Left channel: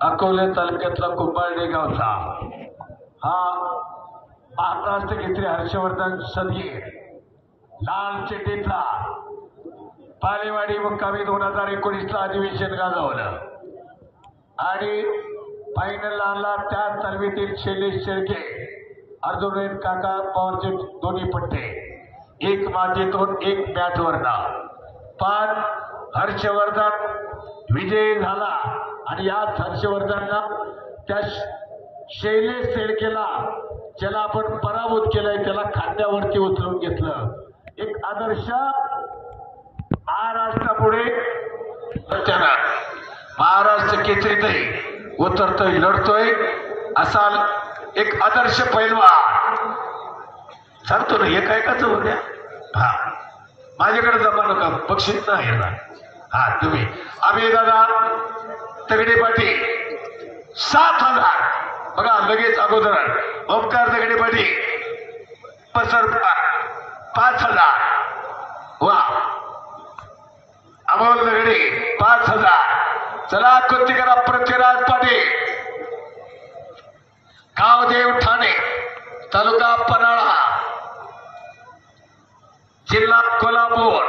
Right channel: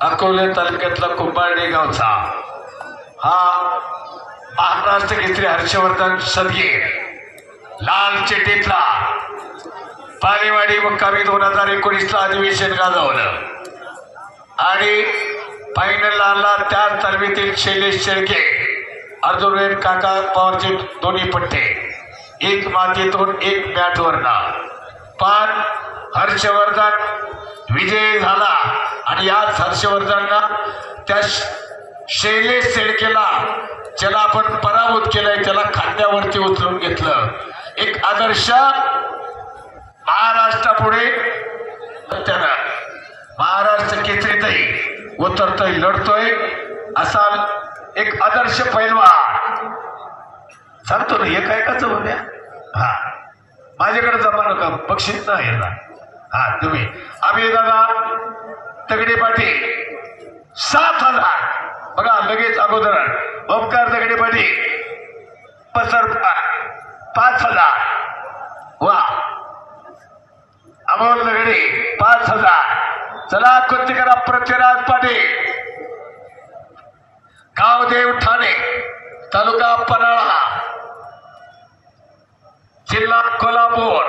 अकोले तालुक्यातला कुंभारडे गावचा हा महाराष्ट्र केसरी हर्षवर्धन सदगे लाल चिठ्ठीतला पालेवाडी मुक्कामी 2019 ला अधिवेशन गाजवलं आणि फायनल आला त्या तालमीतील शैलेश शेळके अर्जुन काका पवारचे दोन्ही पट्टे एक मातीतून एक बॅटवरना पण हर्षवर्धन विजय झाला आणि याच हर्षवर्धनला त्या शैलेश शेळकेला ज्याला आपण पराभूत केलाय त्याला खांद्यावरती उचलून घेतलं. एक आदर्श महाराष्ट्रापुढे त्याला महाराष्ट्र केसरीतही उतरतोय लढतोय असा एक आदर्श पैलवान सांगतो ना. एक ऐकाच होत्या हा माझ्याकडे जमा नका बक्षीस नाही हा तुम्ही आम्ही दादा तगडे पाटील 7,000 बघा लगेच अगोदर ओमकार तगडे पाटील पसरकार 5,000 वा अमोल तगडे 5,000 चला कृती करा. पृथ्वीराज पाटील गावदेव ठाणे तालुका पन्हाळा जिल्हा कोल्हापूर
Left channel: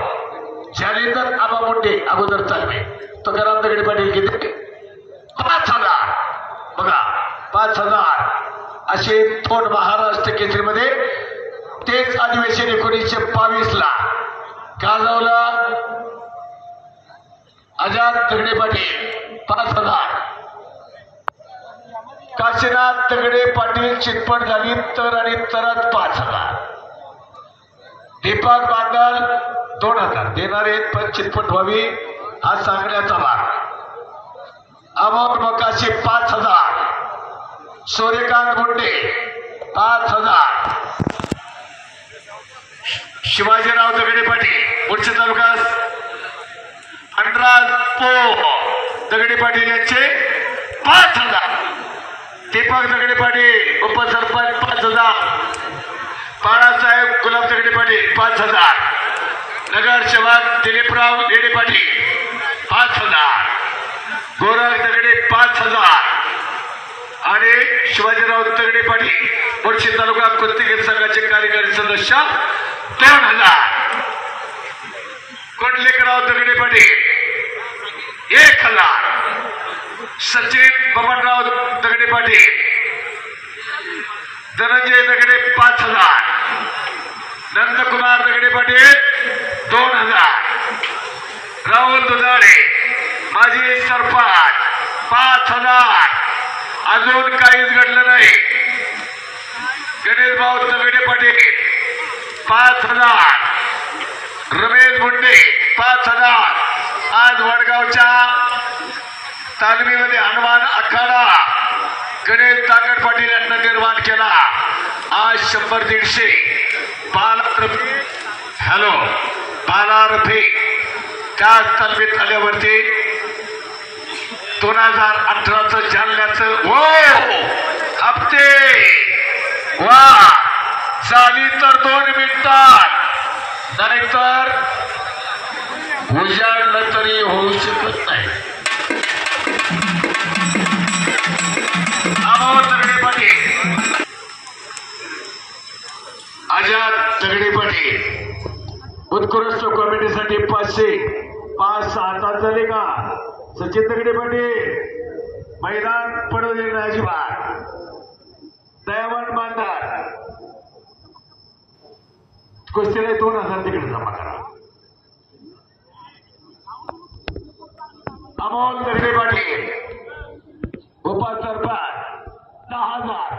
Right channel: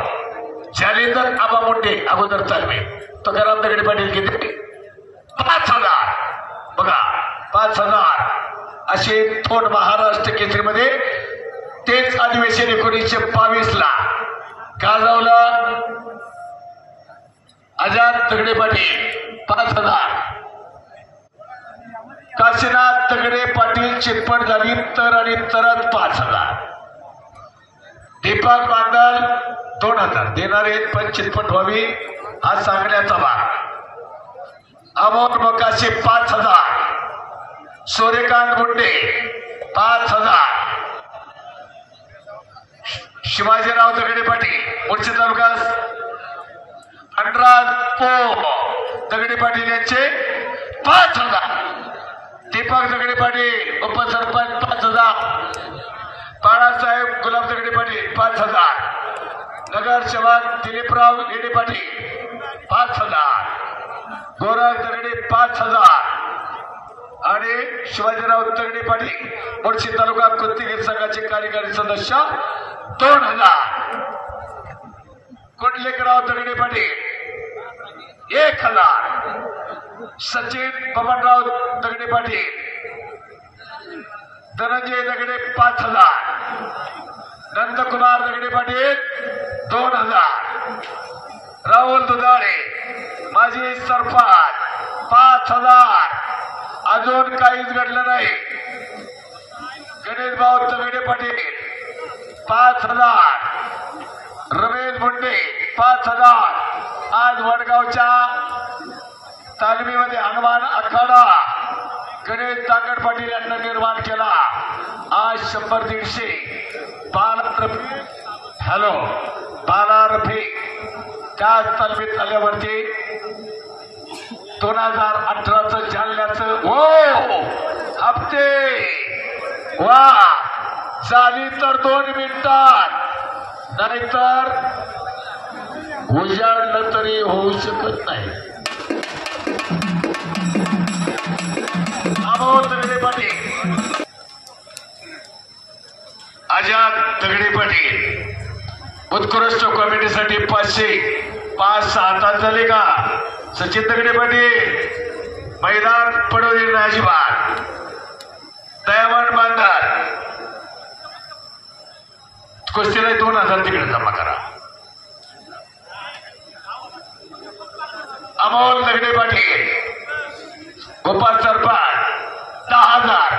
जालिंदर आबा मोठे अगोदर चालवे तो करा तगडे पाटील किती 5,000 बघा 5,000 असे थोड महाराष्ट्र केसरीमध्ये तेच अधिवेशन 1922 ला गाजवलं. आजाद तगडे पाटील 5,000 काशीनाथ तगडे पाटील चिटपट झाली तर आणि तरत 5,000 दीपक बांदल 2,000 देणारे पण चिटपट व्हावी हा सांगण्याचा भाग. अमोल मोकाशी 5,000 सूर्यकांत गुंडे 5,000 शिवाजीराव दगडे पाटील मुळशी तालुका अंडराज पो दगडे पाटील यांचे 5,000 दीपक दगडे पाटील उपसरपंच 5,000 बाळासाहेब गुलाब दगडे पाटील 5,000 नगर सेवक दिलीपराव लेडे पाटील 5,000 गोरख दगडे 5,000 आणि शिवाजीराव दगडे पाटील मुळशी तालुका कुस्तीगीर संघाचे कार्यकारी सदस्य 2,000 कोंडलेकराव दगडे पाटील 1,000 सचिन बबनराव दगडे पाटील धनंजय दगडे 5,000 नंदकुमार दगडे पाटील 2,000 राहुल दुधाळे माजी सरपंच 5,000 अजून काहीच घडलं नाही. गणेश भाऊ दगडे पाटील 5,000 रमेश मुंडे 5,000 आज वडगावच्या तालमीमध्ये हनुमान आखाडा गणेश तांगड पाटील यांना निर्माण केला. आज 100-150 बालारफी त्या तालमीत आल्यावरती 2018चं जालन्याचं हप्ते वा झाली तर 2 मिनिटात नाहीतर उजाडलं तरी होऊ शकत नाही. अमोल दगडे पाटील आजाद दगडे पाटील उत्कृष्ट कॉमेडीसाठी 500 तास झाले का. सचिन दगडे पाटील मैदान पडू दिले नाही अजिबात. दयावान बांधर कुस्तीला 2,000 तिकडे जमा करा. अमोल दगडे पाटील गोपाल सरपंच 10,000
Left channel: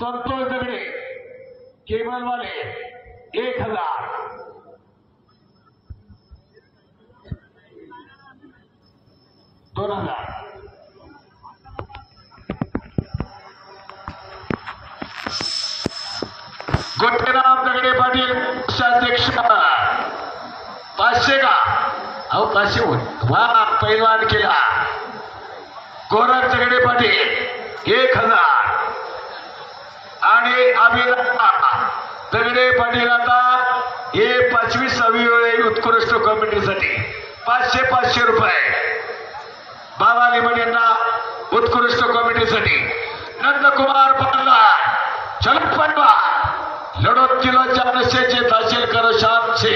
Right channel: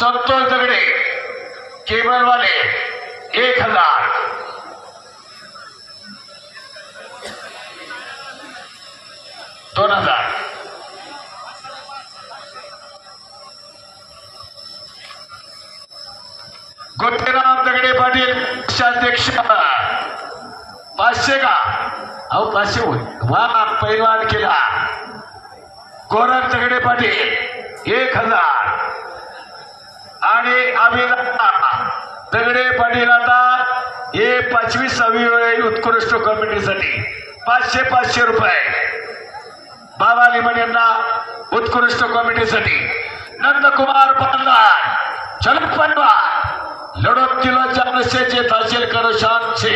संतोष दगडे केबलवाले 1,000 2,000 गोटेराम दगडे पाटील पक्षाध्यक्ष 500 का अहो 500 वा पैलवान केला. गोरख दगडे पाटील 1,000 आणि अभिलाषा दगडे पाटील आता हे 25वी वेळी उत्कृष्ट कॉमेडीसाठी 500 रुपये बाबा लिमण यांना उत्कृष्ट कॉमेडीसाठी नंदकुमार पन्नार चल पन्नार लड़त दिलो जान से जे हासिल करो शाम से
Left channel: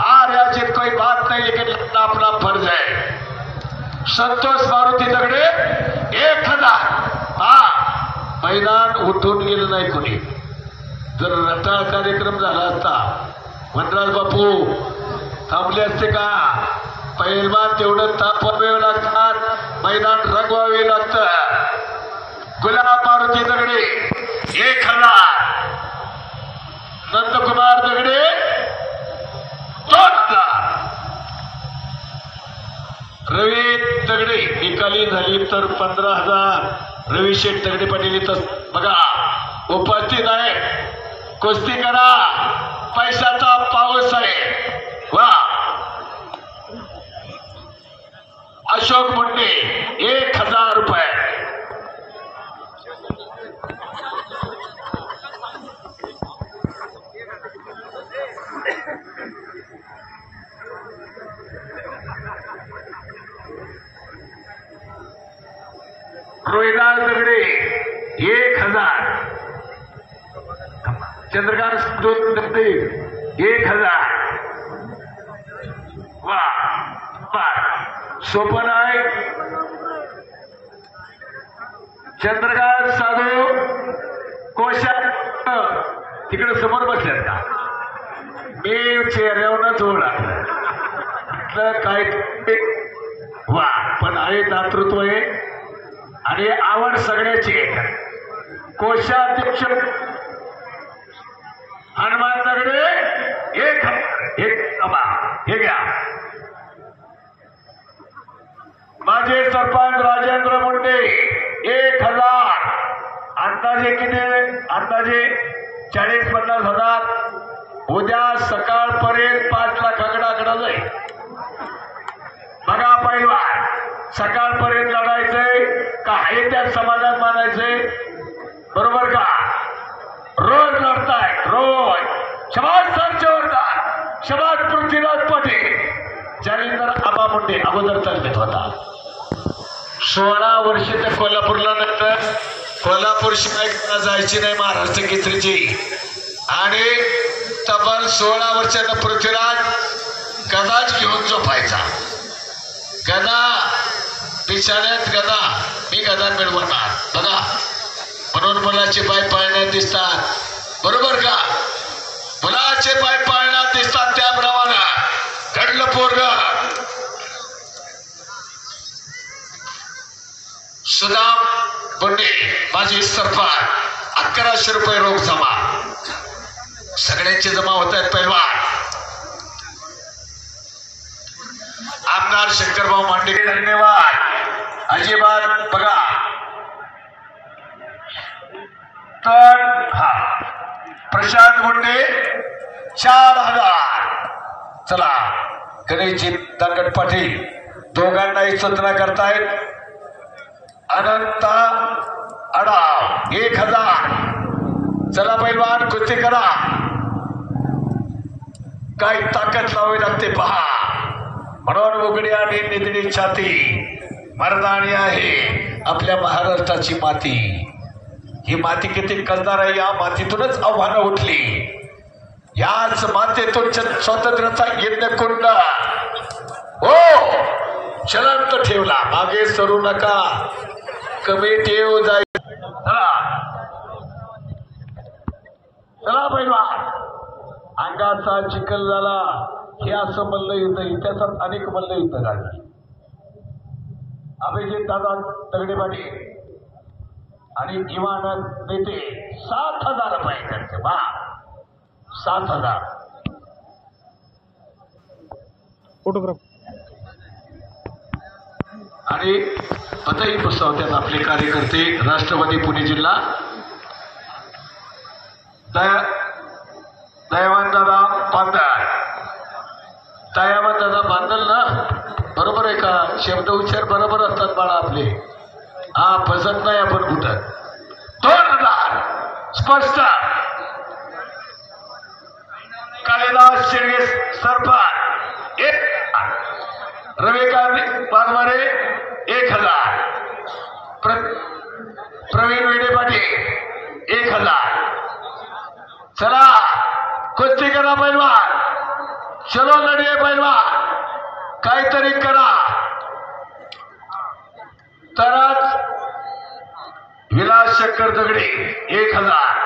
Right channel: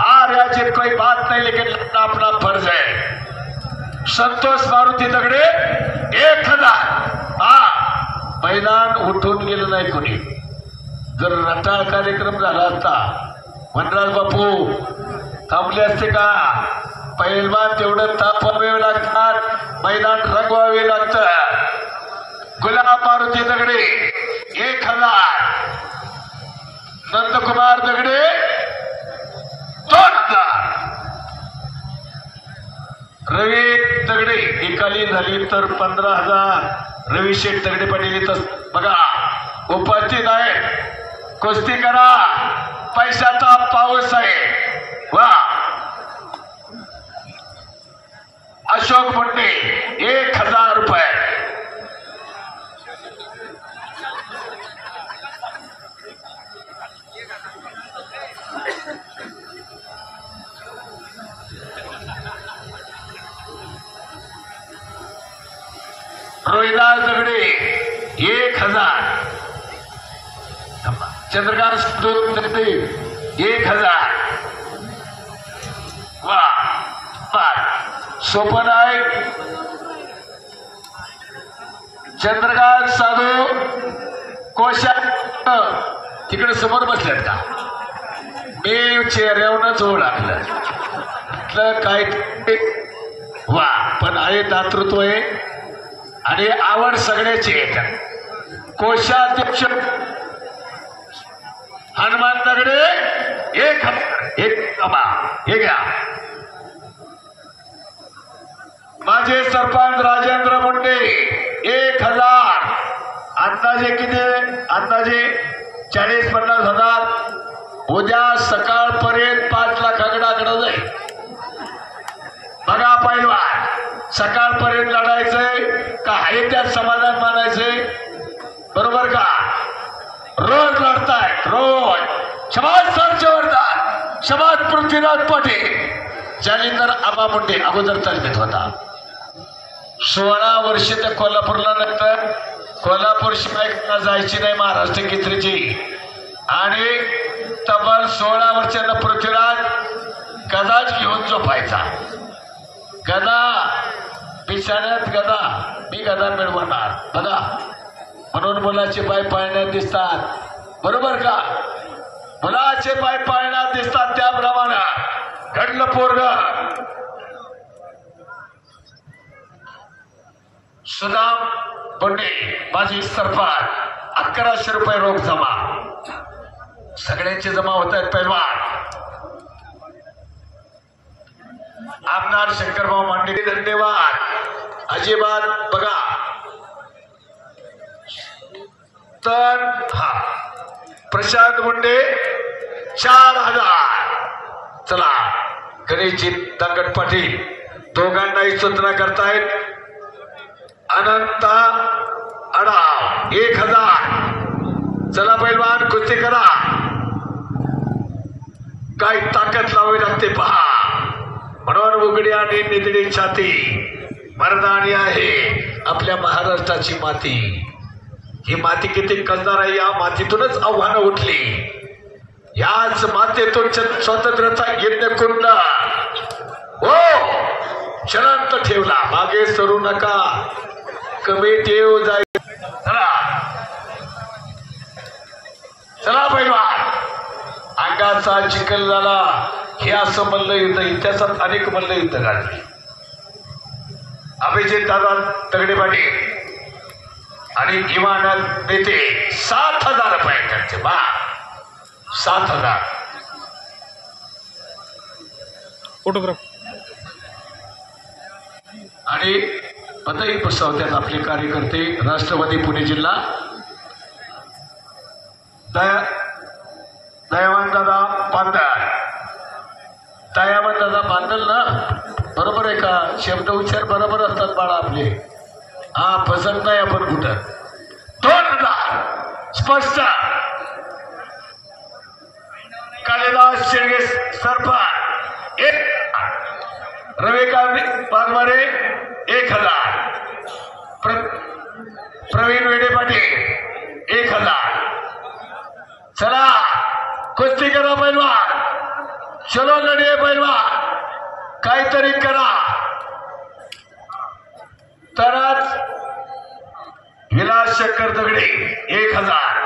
हार या जीत कोई बात नहीं लेकिन लड़ना अपना फर्ज है। संतोष मारुती दगडे 1000 हा मैदान उठून गेलं नाही कोणी जर रटाळ कार्यक्रम झाला असता वनराज बापू थांबले असते का पहिलवान तेवढं तापवावे लागतात मैदान रंगवावे लागतं। गुलाब मारुती दगडे 1000 नंदकुमार दगडे 2000 रवी दगडे निकाली झाली तर 15000 रवी शेठ दगडे पाटील इथं बघा उपस्थित आहे कुस्ती करा पैशाचा पाऊस आहे वा। अशोक मुंडे 1000 रुपये रोहिदास दगडे 1000 चंद्रकांत दगडे 1000 वा सोपन आहे चंद्रकांत साधू कोशा तिकडे समोर बसल्यात का मी चेहऱ्यावरच ओळखलं काय वा पण आहे दातृत्व आहे आणि आवड सगळ्याची आहे। कोशाध्यक्ष हनुमान दगडे 1000 हे घ्या। माझे सरपंच राजेंद्र मुंडे 1000 अंदाजे किती अंदाजे 40-50 हजार उद्या सकाळपर्यंत 5 लाखाकडे जाईल बघा पहिलवान सकाळपर्यंत लढायचंय का आहे त्यात समाधान मानायचंय बरोबर का रोज लढताय रोज शबाद सर जोरदार शबाद पृथ्वीराज पाटील जालिंदर आबा मुंडे अगोदर तालमीत होता 16 वर्ष त्या कोल्हापूरला नंतर कोल्हापूर शिवाय जायची नाही महाराष्ट्र केसरीची आणि तब्बल 16 वर्षांना पृथ्वीराज गदाच घेऊन झोपायचा गदा बिछाण्यात गदा मी गदा मिळवणार बघा म्हणून मुलाचे पाय पाळण्यात दिसतात बरोबर का मुलाचे पाय पाळण्यात दिसतात त्याप्रमाणे घडलं पोरग सुदाम बोंडे माझी सरपंच 1100 रुपये रोख जमा सगळ्यांचे जमा होत आहेत पहिलवान आमदार शंकरभाऊ मांडे धन्यवाद अजिबात बघा तर हा प्रशांत मुंडे 4000 चला गणेशजी दंगट पाटील दोघांनाही सूचना करतायत अनंत अडाव 1000 चला पैलवान कुस्ती करा काय ताकद लावावी लागते पहा म्हणून उघडी आणि निधडी छाती मर्दानी आहे आपल्या महाराष्ट्राची माती ही माती किती कसदार आहे या मातीतूनच आव्हानं उठली याच मातेतून स्वातंत्र्याचा यज्ञ कुंड हो चलंत ठेवला मागे सरू नका कमी ठेव जाईल चला पैलवान अंगाचा चिखल झाला हे असं मल्लयुद्ध इतिहासात अनेक मल्लयुद्ध गाजली अभिजित दादा तगडे पाटील आणि इमानत नेते 7000 रुपये त्यांचे बा 7000 फोटोग्राफ आणि पतही बसवतात आपले कार्यकर्ते राष्ट्रवादी पुणे जिल्हा दयावान दादा बांधल दयावान दादा बांधल ना बरोबर आहे का शब्द उच्चार बरोबर असतात बाळा आपले हा फसत नाही आपण कुठं 2000 स्पष्ट कालिदास शिर्गे सरपंच 1 रविकांत वाघमारे 1000 प्रवीण विडे पाटील 1000. चला कुस्ती करा पैलवान, चलो लढे पैलवान, काहीतरी करा तरच. विलास शंकर दगडे 1000.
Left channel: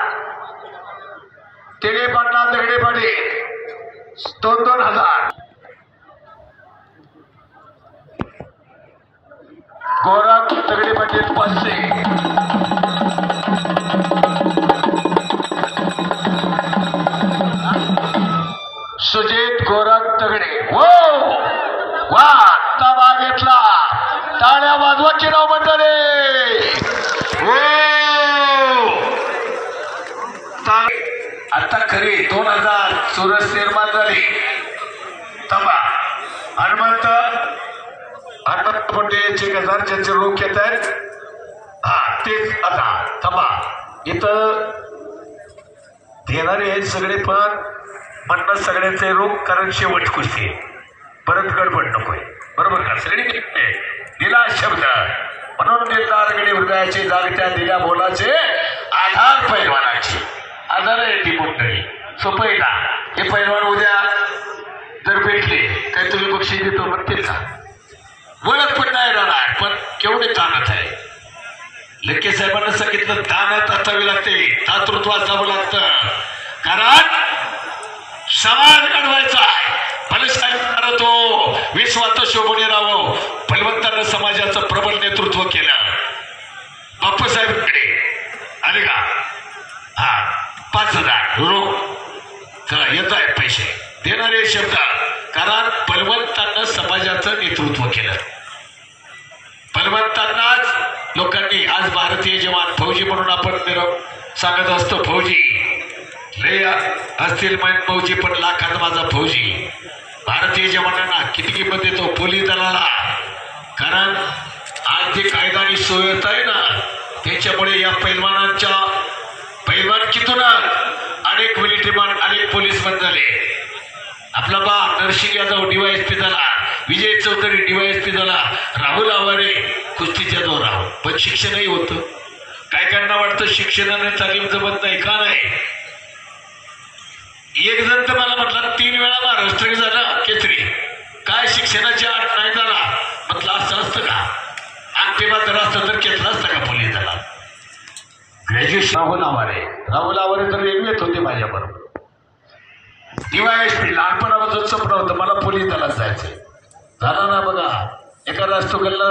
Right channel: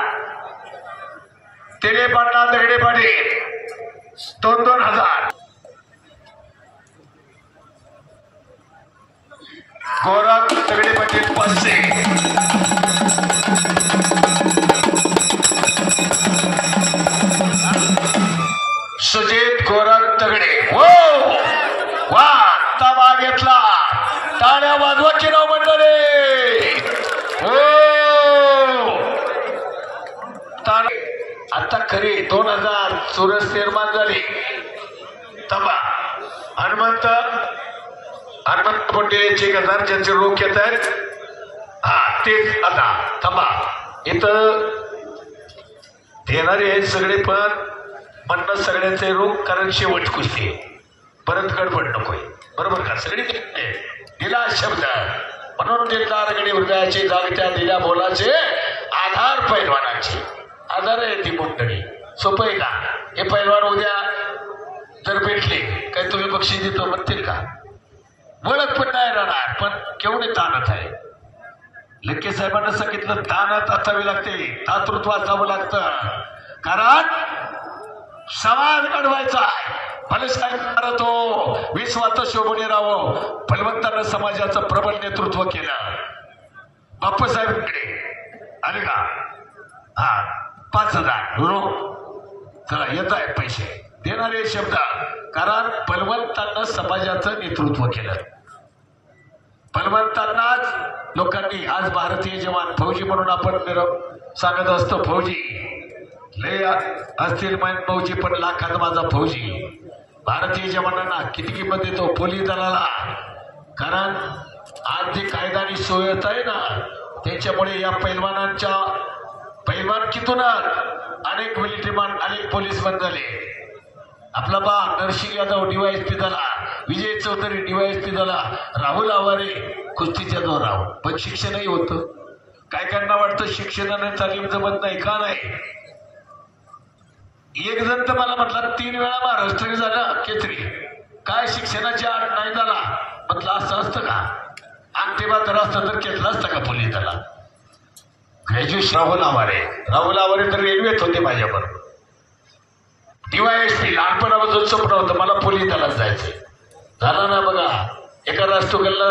तिने पाटला दगडे पाटील 2,000. गौरव दगडे पाटील 500. सुजित गौरव दगडे हो वा ताबा घेतला. टाळ्या वाजवा की नाव मंडळी हो. आता खरी 2,000 चुरस निर्माण झाली. थांबा हनुमंत कोंडे 1,000 ज्यांचे रोख येत आहेत. हा तेच आता थांबा इथं देणारे आहेत सगळे पण म्हणणं सगळ्यांचे रोख कारण शेवट कुस्ती परत गडबड नकोय. बरोबर का सगळी दिला शब्द म्हणून दिलदार गडी हृदयाची जागत्या दिल्या बोलाचे आधार पैलवानाचे आधार आहे ती मंडळी. सोपं आहे का हे पैलवान उद्या जर भेटले काही तुम्ही बक्षीस देतो म्हणतील का? ओळख पण नाही राहणार पण केवढे ताणत आहे. लक्के साहेबांना सांगितलं ताणत असावी लागते, दातृत्व असावं लागतं कारण समाज घडवायचा आहे. फलसाहेब तो विश्वात शोभने राहावं फलवंतांना समाजाचं प्रबल नेतृत्व केलं. बापूसाहेबकडे आले का? हा 5,000 रोख चला येत आहेत पैसे देणारे शब्द कारण फलवंतांना समाजाचं नेतृत्व केलं. फलवंतांनाच लोकांनी आज भारतीय जवान फौजी म्हणून आपण सांगत असतो. फौजी लय असतील मन फौजी पण लाखात माझा फौजी. भारतीय जवानांना किती किंमत देतो पोलीस दलाला कारण आज जे कायदा आणि सुव्यवस्था आहे ना त्याच्यामुळे या पैलवानांच्या पैलवानकीतूनच अनेक मिलिटरीमॅन अनेक पोलीस बंद झाले. आपला बा नरसिंग यादव DYSP झाला, विजय चौधरी DYSP झाला, राहुल आवारे कुस्तीच्या जोरावर. पण शिक्षणही होतं. काय कायांना वाटतं शिक्षणाने तालीम जमत नाही का? नाही. एक जण तर मला म्हटलं 3 वेळा महाराष्ट्र झाला केसरी काय शिक्षणाची आठ नाही झाला. म्हटलं असं असतं का? अंगठेबा जर असतं तर घेतला असतं का पोलीस दलात? ग्रॅज्युएशन राहुल आवारे तर रेल्वेत होते माझ्याबरोबर. DYSP लहानपणापासून स्वप्न होतं मला पोलीस दलात जायचं. झालं ना बघा. एका राष्ट्रकुलला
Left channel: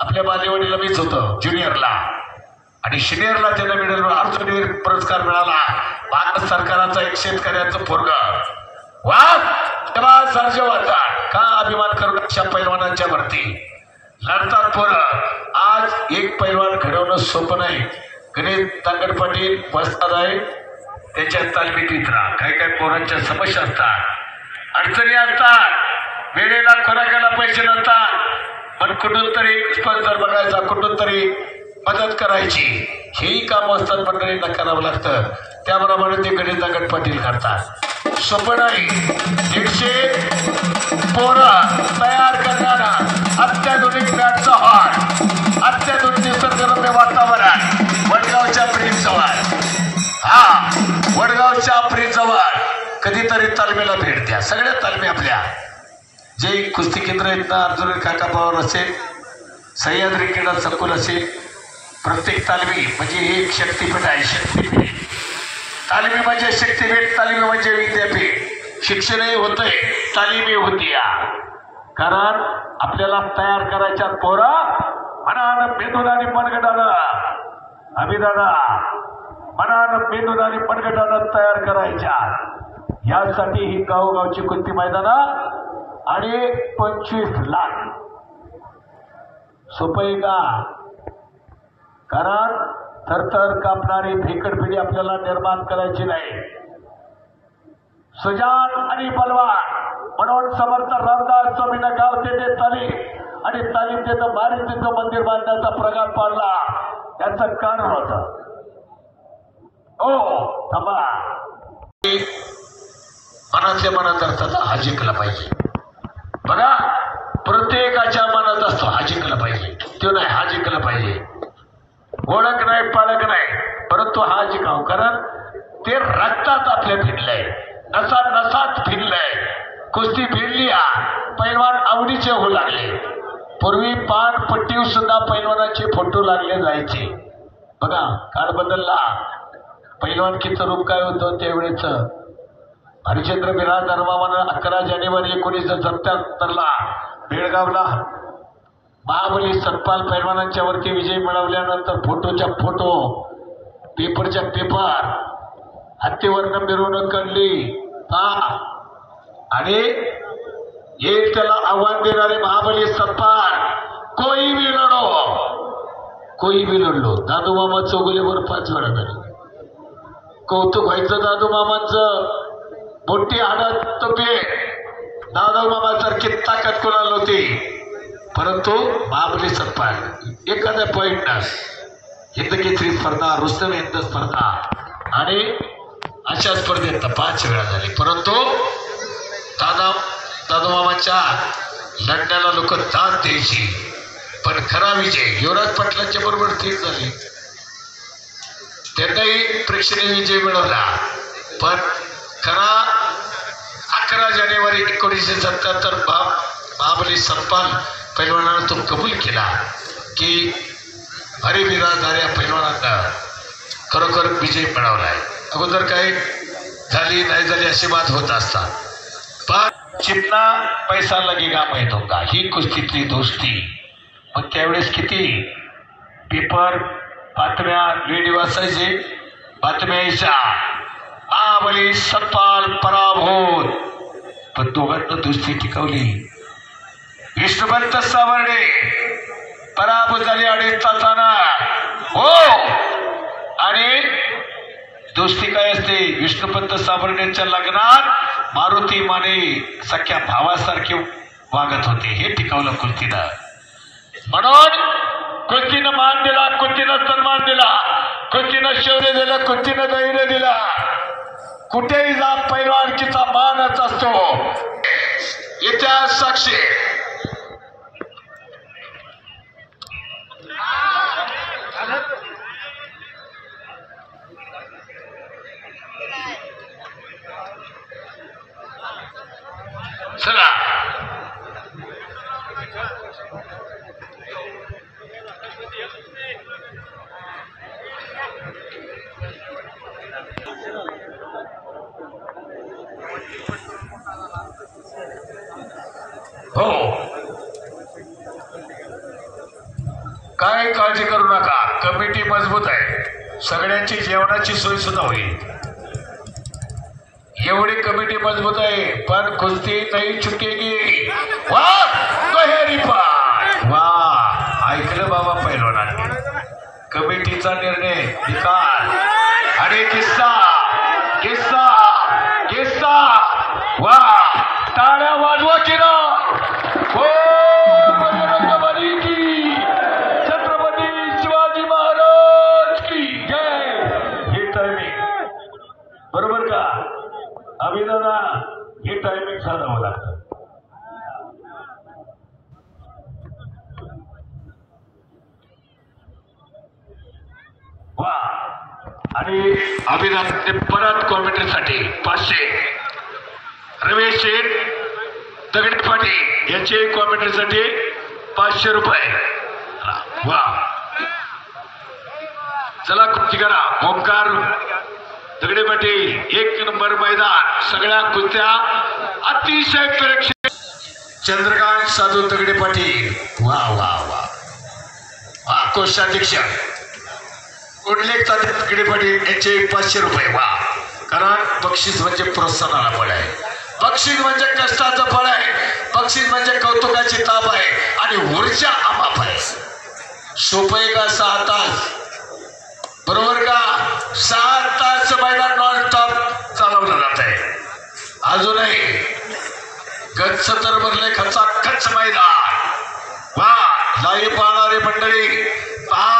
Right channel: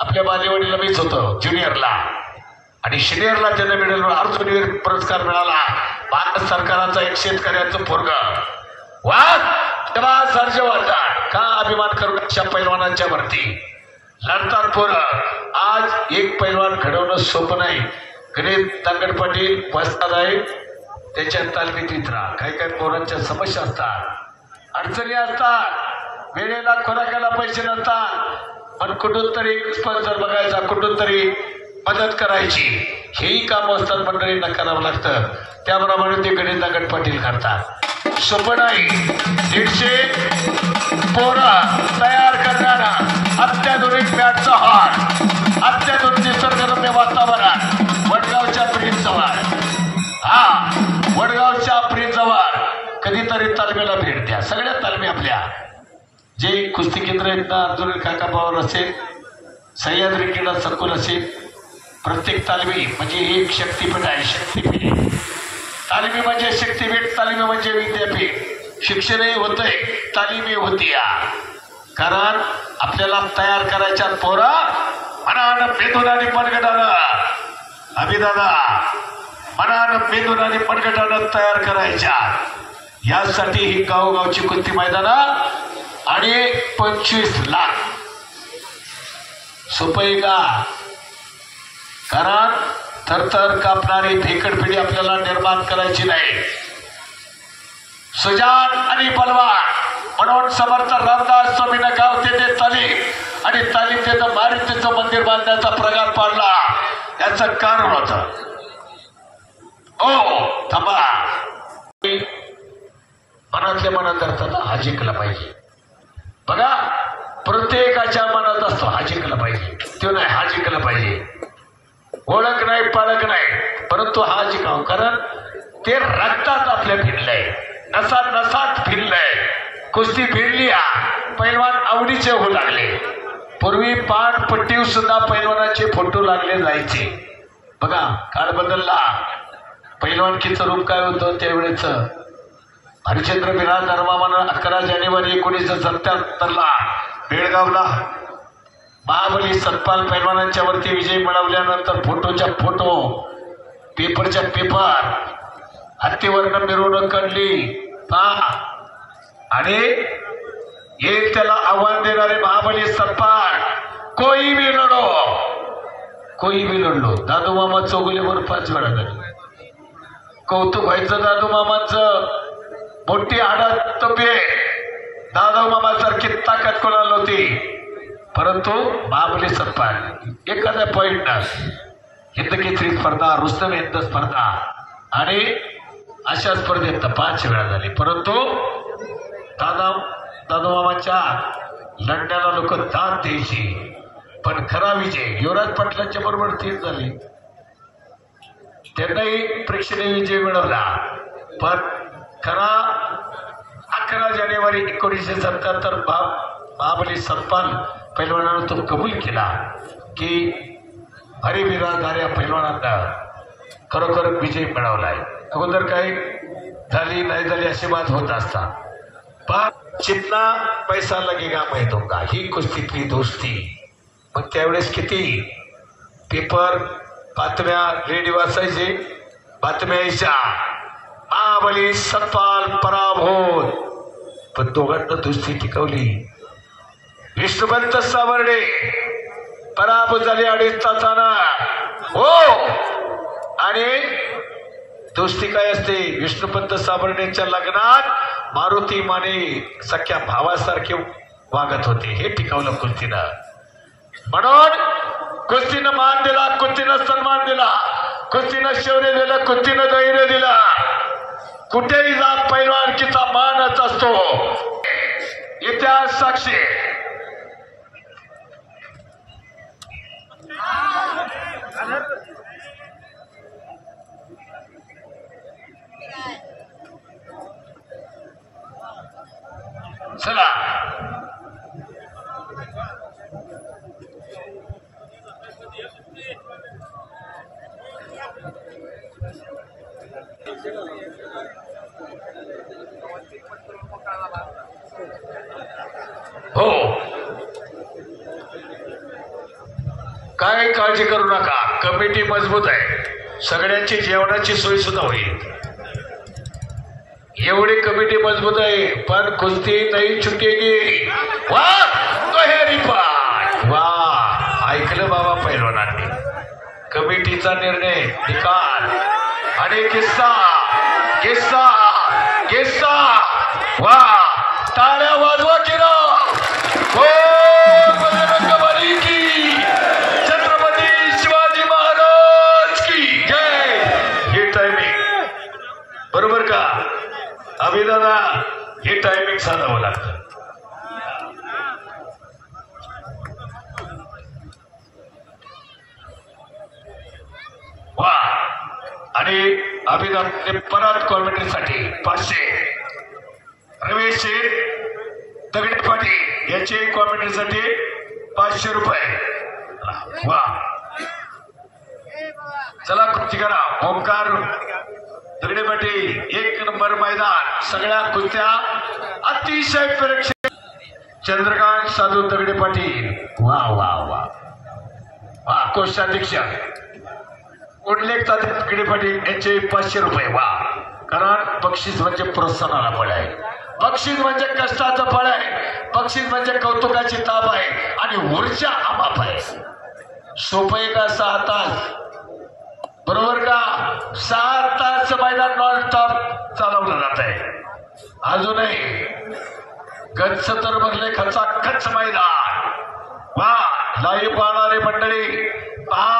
आपल्या बालेवाडीला मीच होतो ज्युनियरला आणि सिनियरला त्यांना मिळेल अर्जुन पुरस्कार मिळाला. भारत सरकाराचा एक शेतकऱ्याचं पोरग वा तेव्हा सर्ज वाटतात का अभिमान करून अशा पैलवानांच्या वरती लढतात पोरं. आज एक पैलवान घडवणं सोपं नाही. गणेश दांगड पाटील वस्ताद आहे त्याच्या तालमीत राहा. काही काही पोरांच्या समस्या असतात, अडचणी असतात, वेळेला खोराकाला पैसे नसतात पण कुठून तरी स्पॉन्सर बघायचा, कुठून तरी मदत करायची. हेही काम असतात मंडळींना करावं लागतं. त्याप्रमाणे ते गणेश दांगड पाटील करतात. सोपं नाही. 150 पोरं तयार करणारा अत्याधुनिक बॅटचा हॉल, अत्याधुनिक निसर्गरम्य वातावरण वडगावच्या ब्रिज जवळ. हा वडगावच्या ब्रिज जवळ कधीतरी तालमीला भेट द्या. सगळ्या तालमी आपल्या जे कुस्ती केंद्र आहेत ना अर्जुन काका पवार असेल, सह्याद्री क्रीडा संकुल असेल, प्रत्येक तालमी म्हणजे एक शक्तीपीठ आहे. शक्तीपीठ तालमी म्हणजे शक्तीपीठ, तालमी म्हणजे विद्यापीठ. शिक्षणही होतंय तालीमी होती या कारण आपल्याला तयार करायच्या पोरा मनानं मेंदून आणि मनगटानं अभिदादा मनानं मेंदून आणि मनगटानं तयार करायच्या. यासाठी ही गावोगावची कुस्ती मैदानं आणि 25 लाख. सोपं आहे का? कारण थरथर कापणारी भेकड पिढी आपल्याला निर्माण करायची नाही. सुजान आणि बलवान म्हणून समर्थ रामदास स्वामींना गाव तेथे तालीम आणि तालीम तेथं मारुतीचं मंदिर बांधण्याचा प्रकार पाडला. याचं कारण होतं. ओ थांबा मनातल्या मनात असतात हा जिंकला पाहिजे. बघा प्रत्येकाच्या मनात असतो हा जिंकला पाहिजे, तो नाही हा जिंकला पाहिजे. ओळख नाही पाळख नाही, परंतु हा जिंकाव, कारण ते रक्तात आपल्या फिरलंय, नसात नसात फिरलंय. कुस्ती फिरली पैलवान आवडीचे होऊ लागले. पूर्वी पानपट्टीवर सुद्धा पैलवानाचे फोटो लागले जायचे. बघा काळ बदलला. पैलवानकीचं रूप काय होतं त्यावेळेच. हरिश्चंद्र बिराज धर्मामानं 11 जानेवारी 1977ला बेळगावला महाबली सतपाल पैलवानांच्या वरती विजय मिळवल्यानंतर फोटोच्या फोटो, पेपरच्या पेपर, हत्तीवरनं मिरवणूक काढली आणि एक त्याला आव्हान देणारे महाबली सतपाल, कोई भी लढो, कोई भी लढलो. दादू मामा चौगुलेवर 5 वेळा लढले. कौतुक व्हायचं दादू मामांचं. मोठी हाडात तोपे, दादू मामासारखी ताकद कोणाला नव्हती, परंतु महाबली सतपाल एखाद्या पॉइंटनं हिंदकेसरी स्पर्धा, रुस्तम हिंद स्पर्धा आणि अशा स्पर्धेत 5 वेळा झाली. परंतु दादू मामाच्या लढण्याला लोक दाद द्यायची, पण खरा विजय युवराज पाटलांच्या बरोबर ठीक झाली. त्यांनाही प्रेक्षणीय विजय मिळवला, पण खरा 11 जानेवारी 1977 महाबली सतपाल पैलवानानं तो कबूल केला की हरिबिराजदार या पैलवानांना खरोखर विजय मिळवलाय. अगोदर काही झाली नाही झाली अशी बात होत असतात, पण चितना पैसा लगेगा मैं दूंगा ही कुस्तीतली दोस्ती. मग त्यावेळेस किती पेपर बातम्या रेडिओ असायचे, बातम्या यायच्या महाबली सतपाल पराभूत, पण दोघांना दोस्ती टिकवली. विष्णुपंत सावर्डे पराभूत झाले 2.5 तासानं हो. आणि दोस्ती काय असते, विष्णुपंत सावर्डेंच्या लग्नात मारुती माने सख्या भावासारखे वागत होते, हे टिकवलं कुस्तीनं. म्हणून कुस्तीनं मान दिला, कुस्तीनं सन्मान दिला, कुस्तीनं शौर्य दिलं, कुस्तीनं धैर्य दिलं. कुठेही जा पैलवानकीचा मानच असतो. इतिहास साक्षी. चला हो, काय काळजी करू नका, कमिटी मजबूत आहे. सगळ्यांची जेवणाची सोय सुद्धा होईल. एवढी कमिटी मजबूत आहे, पण कुस्ती नाही चुकेगी. वाह बहेरी पाय, वाह ऐकलं बाबा पैलवानांनी. कमिटीचा निर्णय, निकाल आणि किस्सा किस्सा किस्सा. वाह टाळ्या वाजवा की ना. हो बजरंगबली की, छत्रपती शिवाजी महाराज की जय. हे टायमिंग बरोबर का अभिदादा, हे टायमिंग साधावं लागतं. वा आणि अभिदानने परत कॉमेंट्रीसाठी 500. रमेश शेठ दगडे पाटील यांचे कॉमेंट्रीसाठी 500 रुपये. वा चला कुस्ती करा. ओंकार दगडे पाटील 1 नंबर मैदान. सगळ्या कुस्त्या अतिशय प्रेक्षक. चंद्रकांत साधू दगडे पाटील, वा वा वा वा. कोषाध्यक्ष उल्लेख दगडे पाटील यांचे 500 रुपये. वा, कारण बक्षीस म्हणजे प्रोत्साहनाला फळ आहे, बक्षीस म्हणजे कष्टाचं फळ आहे, बक्षीस म्हणजे कौतुकाची ताप आहे आणि ऊर्जा अमाप आहे. सोपं आहे का 6 तास, बरोबर का? 6 तास मैदान नॉन स्टॉप चालवलं जात आहे. अजूनही गच्च तर भरले खचाखच मैदान. वा लाईव्ह पाहणारी मंडळी पहा.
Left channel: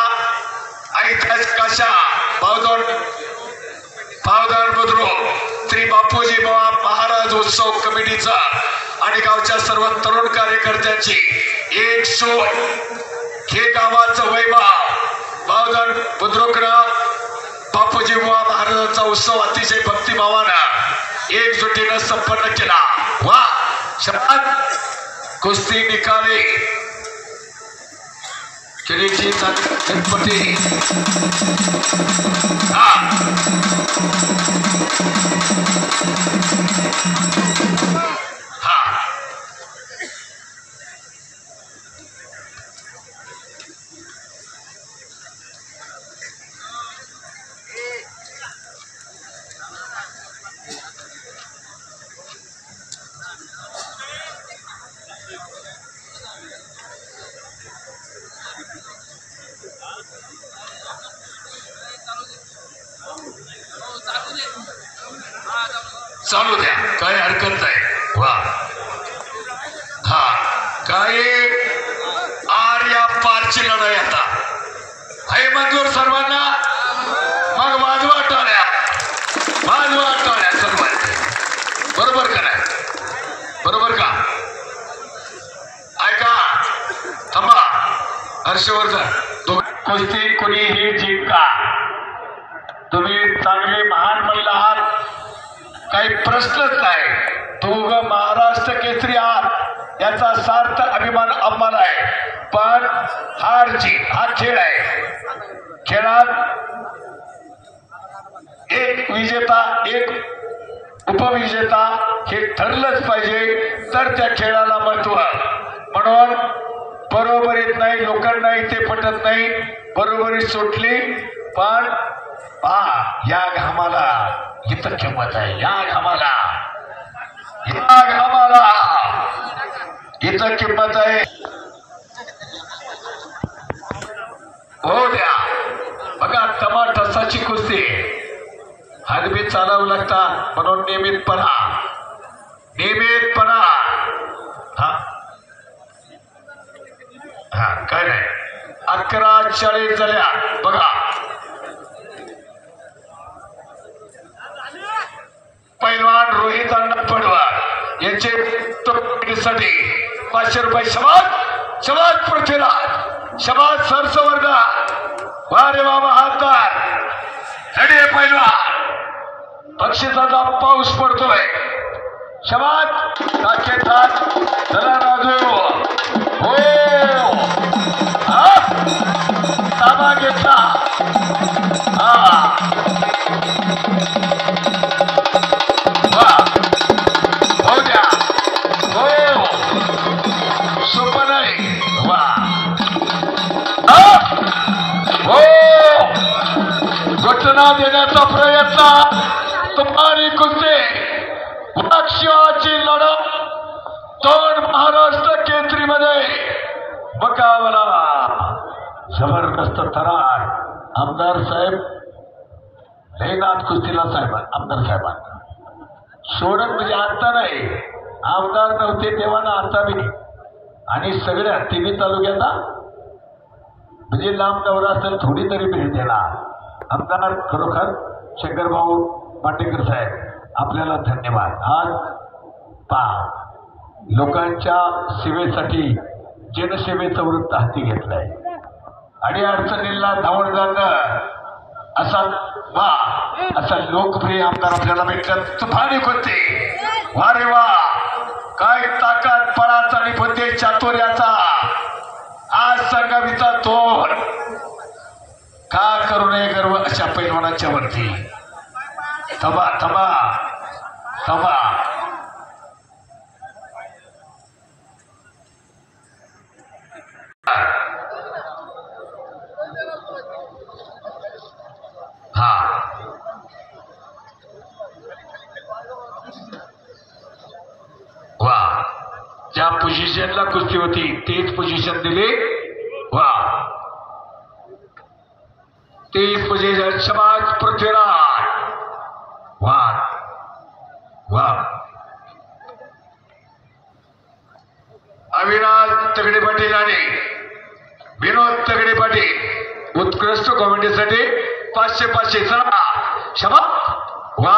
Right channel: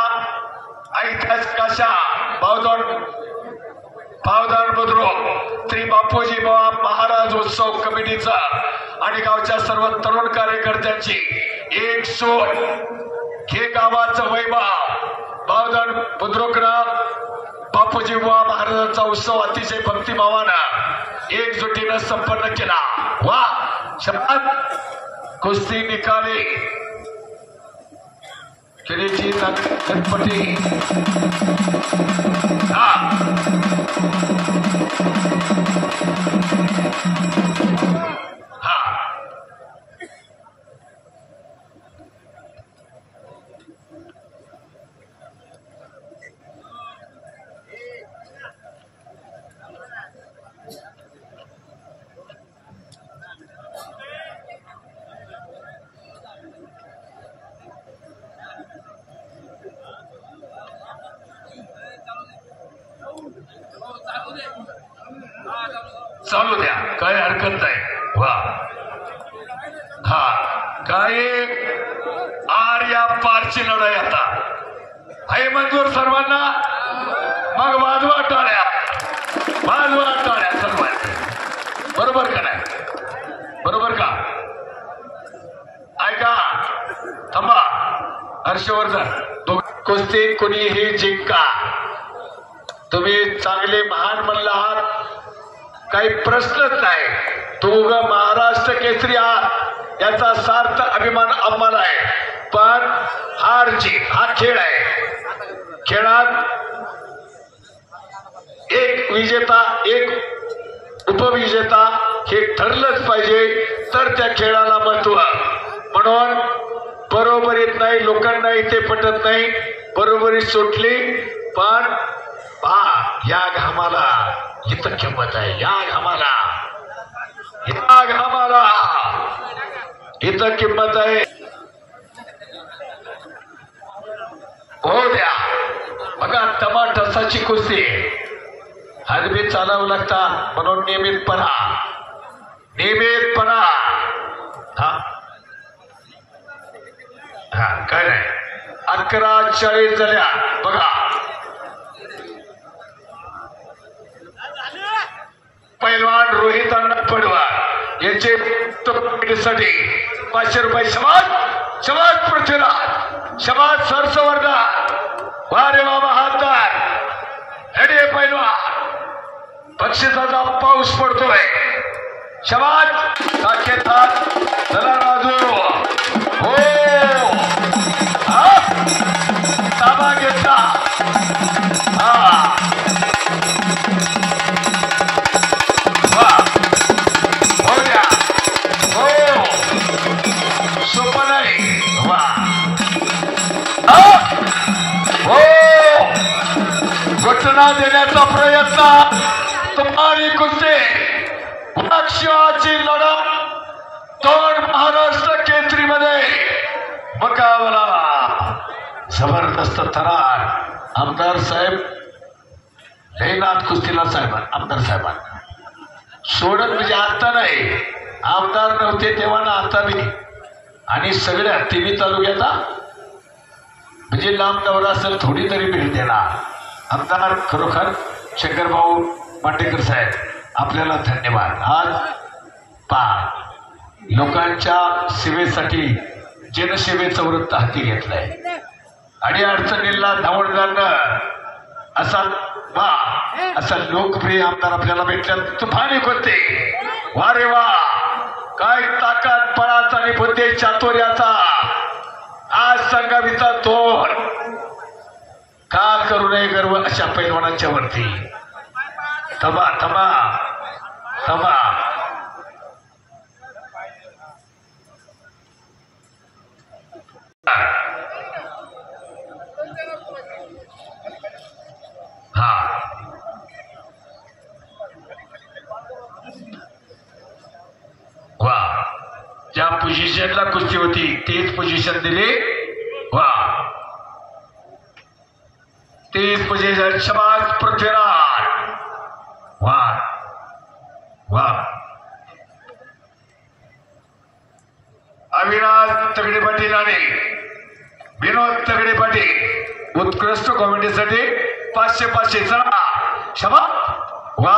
ऐतिहासिक अशा पावदान बुद्रुक श्री बापूजी महाराज उत्सव कमिटीचा आणि गावच्या सर्व तरुण कार्यकर्त्यांची एक सोय. हे गावाचं वैभव सर्वजण बुद्रुकनं बापूजी बुवा महाराजांचा उत्सव अतिशय भक्तिभावानं एकजुटीनं संपन्न केला. वा शपथ कुस्ती निकाली किरीची गणपती हा चालू द्या, काही हरकत नाही. वा हा काही आर्या पारची लढाई आता आहे मंजूर सर्वांना. मग वाजवा टाळ्या, वाजवा टाळ्या सर्वांनी. बरोबर का नाही? बरोबर का? ऐका थांबा. हर्षवर्धन कुस्ती कुणीही जिंका, तुम्ही चांगले महान मल्ल आहात, काही प्रश्नच नाही. तू महाराष्ट्र केसरी आहात याचा सार्थ अभिमान आम्हाला आहे. पण हार जीत हा खेळ आहे. खेळात एक विजेता एक उपविजेता हे ठरलंच पाहिजे, तर त्या खेळाला महत्व. म्हणून बरोबरीत नाही, लोकांना इथे पटत नाही, बरोबरी सुटली. पण पहा या घामाला इथं किंमत आहे. या घामाला इथं किंमत आहे. हो द्या. बघा टमाटसाची कुस्ती हरबी चालावं लागतात, म्हणून नियमितपणा हा हा काय नाही. 11:40 झाल्या. बघा पैलवान रोहित अण्णा पडवार यांचे साठी 500 रुपये. शबाद शबाद पृथ्वीराज, शबाद सरसवर्धन. वा रे वा महादार हडे पैलवान. बक्षिसाचा पाऊस पडतोय. शबाद साकेतार चला राजू. हो ताबा घेतला. हा घटना देण्याचा प्रयत्न. तुम्हाला कुस्ती पक्षाची लढत 2 महाराष्ट्र केसरीमध्ये मुकाबला जबरदस्त थरार. आमदार साहेब हेनाथ कुस्तीला साहेब आमदार साहेबांना सोडत म्हणजे आता नाही, आमदार नव्हते तेव्हा ना आता नाही. आणि सगळ्या तिन्ही तालुक्याचा म्हणजे लांब दौरा असेल थोडी तरी भेट देणार. आमदार खरोखर शंकरभाऊ मांडेकर साहेब आपल्याला धन्यवाद. आज लोकांच्या सेवेसाठी जनसेवेचं वृत्त हाती घेतलंय. आणि अडचणीला धावून जाणं असा लोकप्रिय आमदार आपल्याला भेटला. तुफानी होते. वा रे वा काय ताकद पळाचा आणि बुद्धी चातुर्याचा आज संगावीचा तोड. का करू नये गर्व अशा पैलवानाच्या वरती. थांबा थांबा थांबा. हा वा ज्या पोझिशनला कुस्ती होती तेच पोझिशन दिली. वा तेच पोझिशन. समाज पृथ्वीराज. वा वा अविनाश तगडे पाटील आणि विनोद तगडे पाटील उत्कृष्ट कॉमेडीसाठी 500 चला क्षमा. वा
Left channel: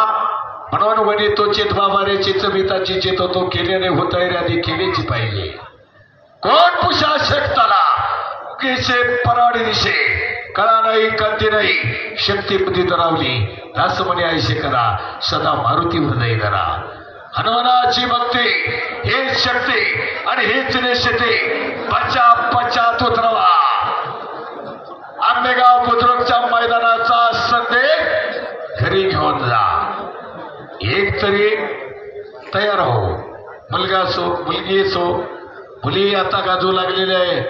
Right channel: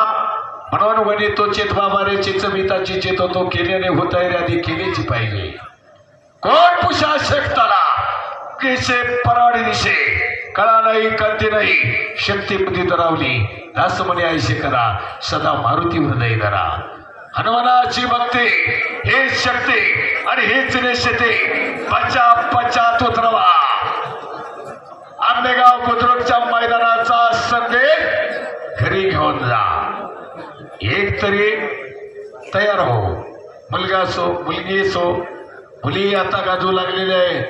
म्हणून वनी तो चेत बाबा रे चिचमिताची चेत होतो केल्याने होत आधी केलीची पाहिजे. कोण पुषा शेकताना कैसे पराडी दिसे कळा नाही कंती नाही शक्ती बुद्धी दरावली दास म्हणे ऐसे करा सदा मारुती हृदय करा हनुमानाची भक्ती हेच शक्ती आणि हेच नेशते पश्चात उतरवा आंबेगाव बुद्रुकच्या मैदानाचा संदेश घरी घेऊन जा एक तरी तयार हो मुलगा असो मुलगी असो मुली आता गाजू लागलेली आहे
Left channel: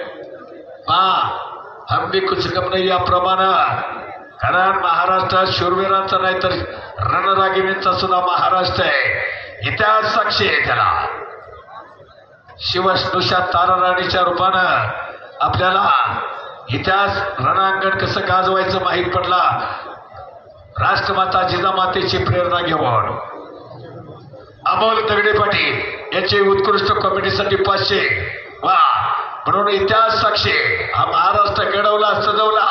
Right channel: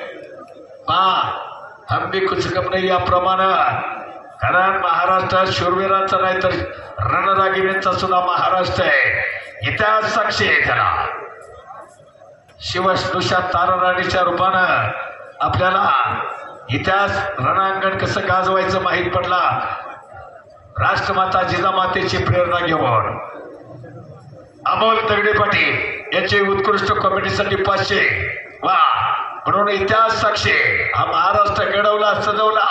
हम भी कुछ कम नाही याप्रमाणे कारण महाराष्ट्रात शूरवीरांचा नाही तर रणरागिणींचा सुद्धा महाराष्ट्र आहे इतिहास साक्षी आहे त्याला शिवस्नुषा ताराराणीच्या रूपानं आपल्याला इतिहास रणांगण कसं गाजवायचं माहीत पडला राष्ट्रमाता जिजामातेची प्रेरणा घेऊन अमोल दगडे पाटील याचे उत्कृष्ट कॉमेडीसाठी 500 वा म्हणून इतिहास साक्षी हा महाराष्ट्र घडवला सजवला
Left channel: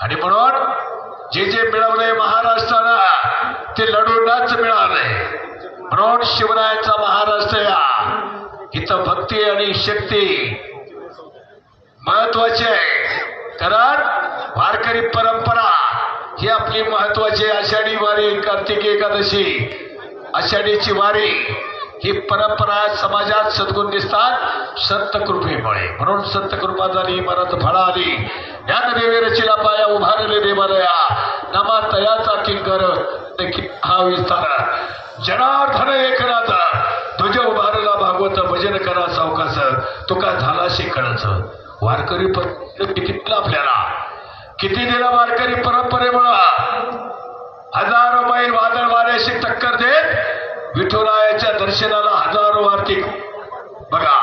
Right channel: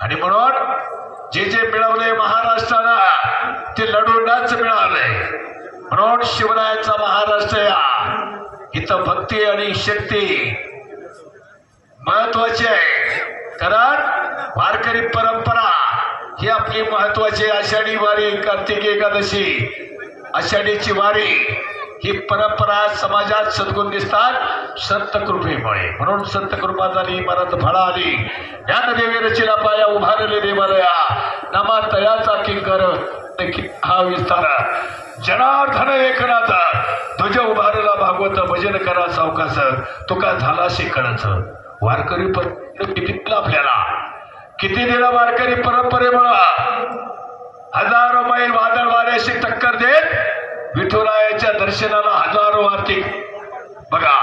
आणि म्हणून जे जे मिळवले महाराष्ट्रानं ते लढूनच मिळाले म्हणून शिवरायांचा महाराष्ट्र या इथं भक्ती आणि शक्ती महत्वाची आहे कारण वारकरी परंपरा ही आपली महत्वाची आषाढी वारी कार्तिक एकादशी आषाढीची वारी ही परंपरा समाजात सद्गुण दिसतात संत कृपेमुळे म्हणून संत कृपा झाली मरत फळा आली ज्ञान देवे रचिला पाया उभारले देवालया नामा तयाचा किंकर हा विस्तार जनार्दन एकनाथ तुझ्या उभारला भागवत भजन करा सावकास तुका झाला शेकणच वारकरी किती दिला आपल्याला किती दिला वारकरी परंपरेमुळे हजारो मैल वादळ वाऱ्याशी टक्कर देत विठुरायाच्या दर्शनाला हजारो आर्थिक बघा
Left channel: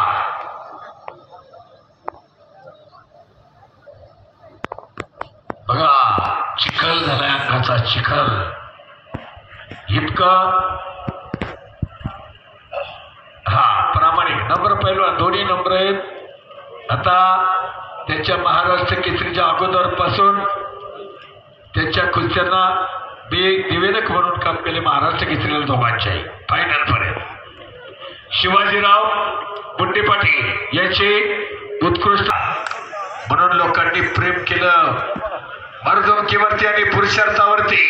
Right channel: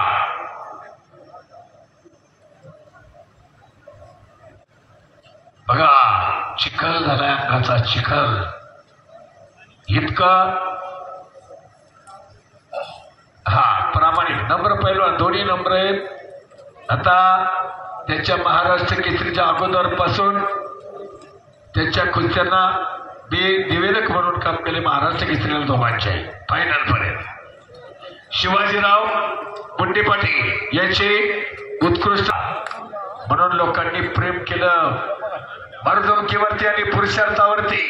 बघा चिखल झालाय अंगाचा चिखल इतका हा प्रामाणिक नंबर पहिलवान दोन्ही नंबर आहेत आता त्याच्या महाराष्ट्र केसरीच्या अगोदर पासून त्याच्या कुस्त्यांना निवेदक म्हणून काम केले महाराष्ट्र केसरीला दोघांचे फायनल पर्यंत शिवाजीराव गुंडे पाटील यांचे उत्कृष्ट म्हणून लोकांनी प्रेम केलं मर्दुमकीवरती आणि पुरुषार्थावरती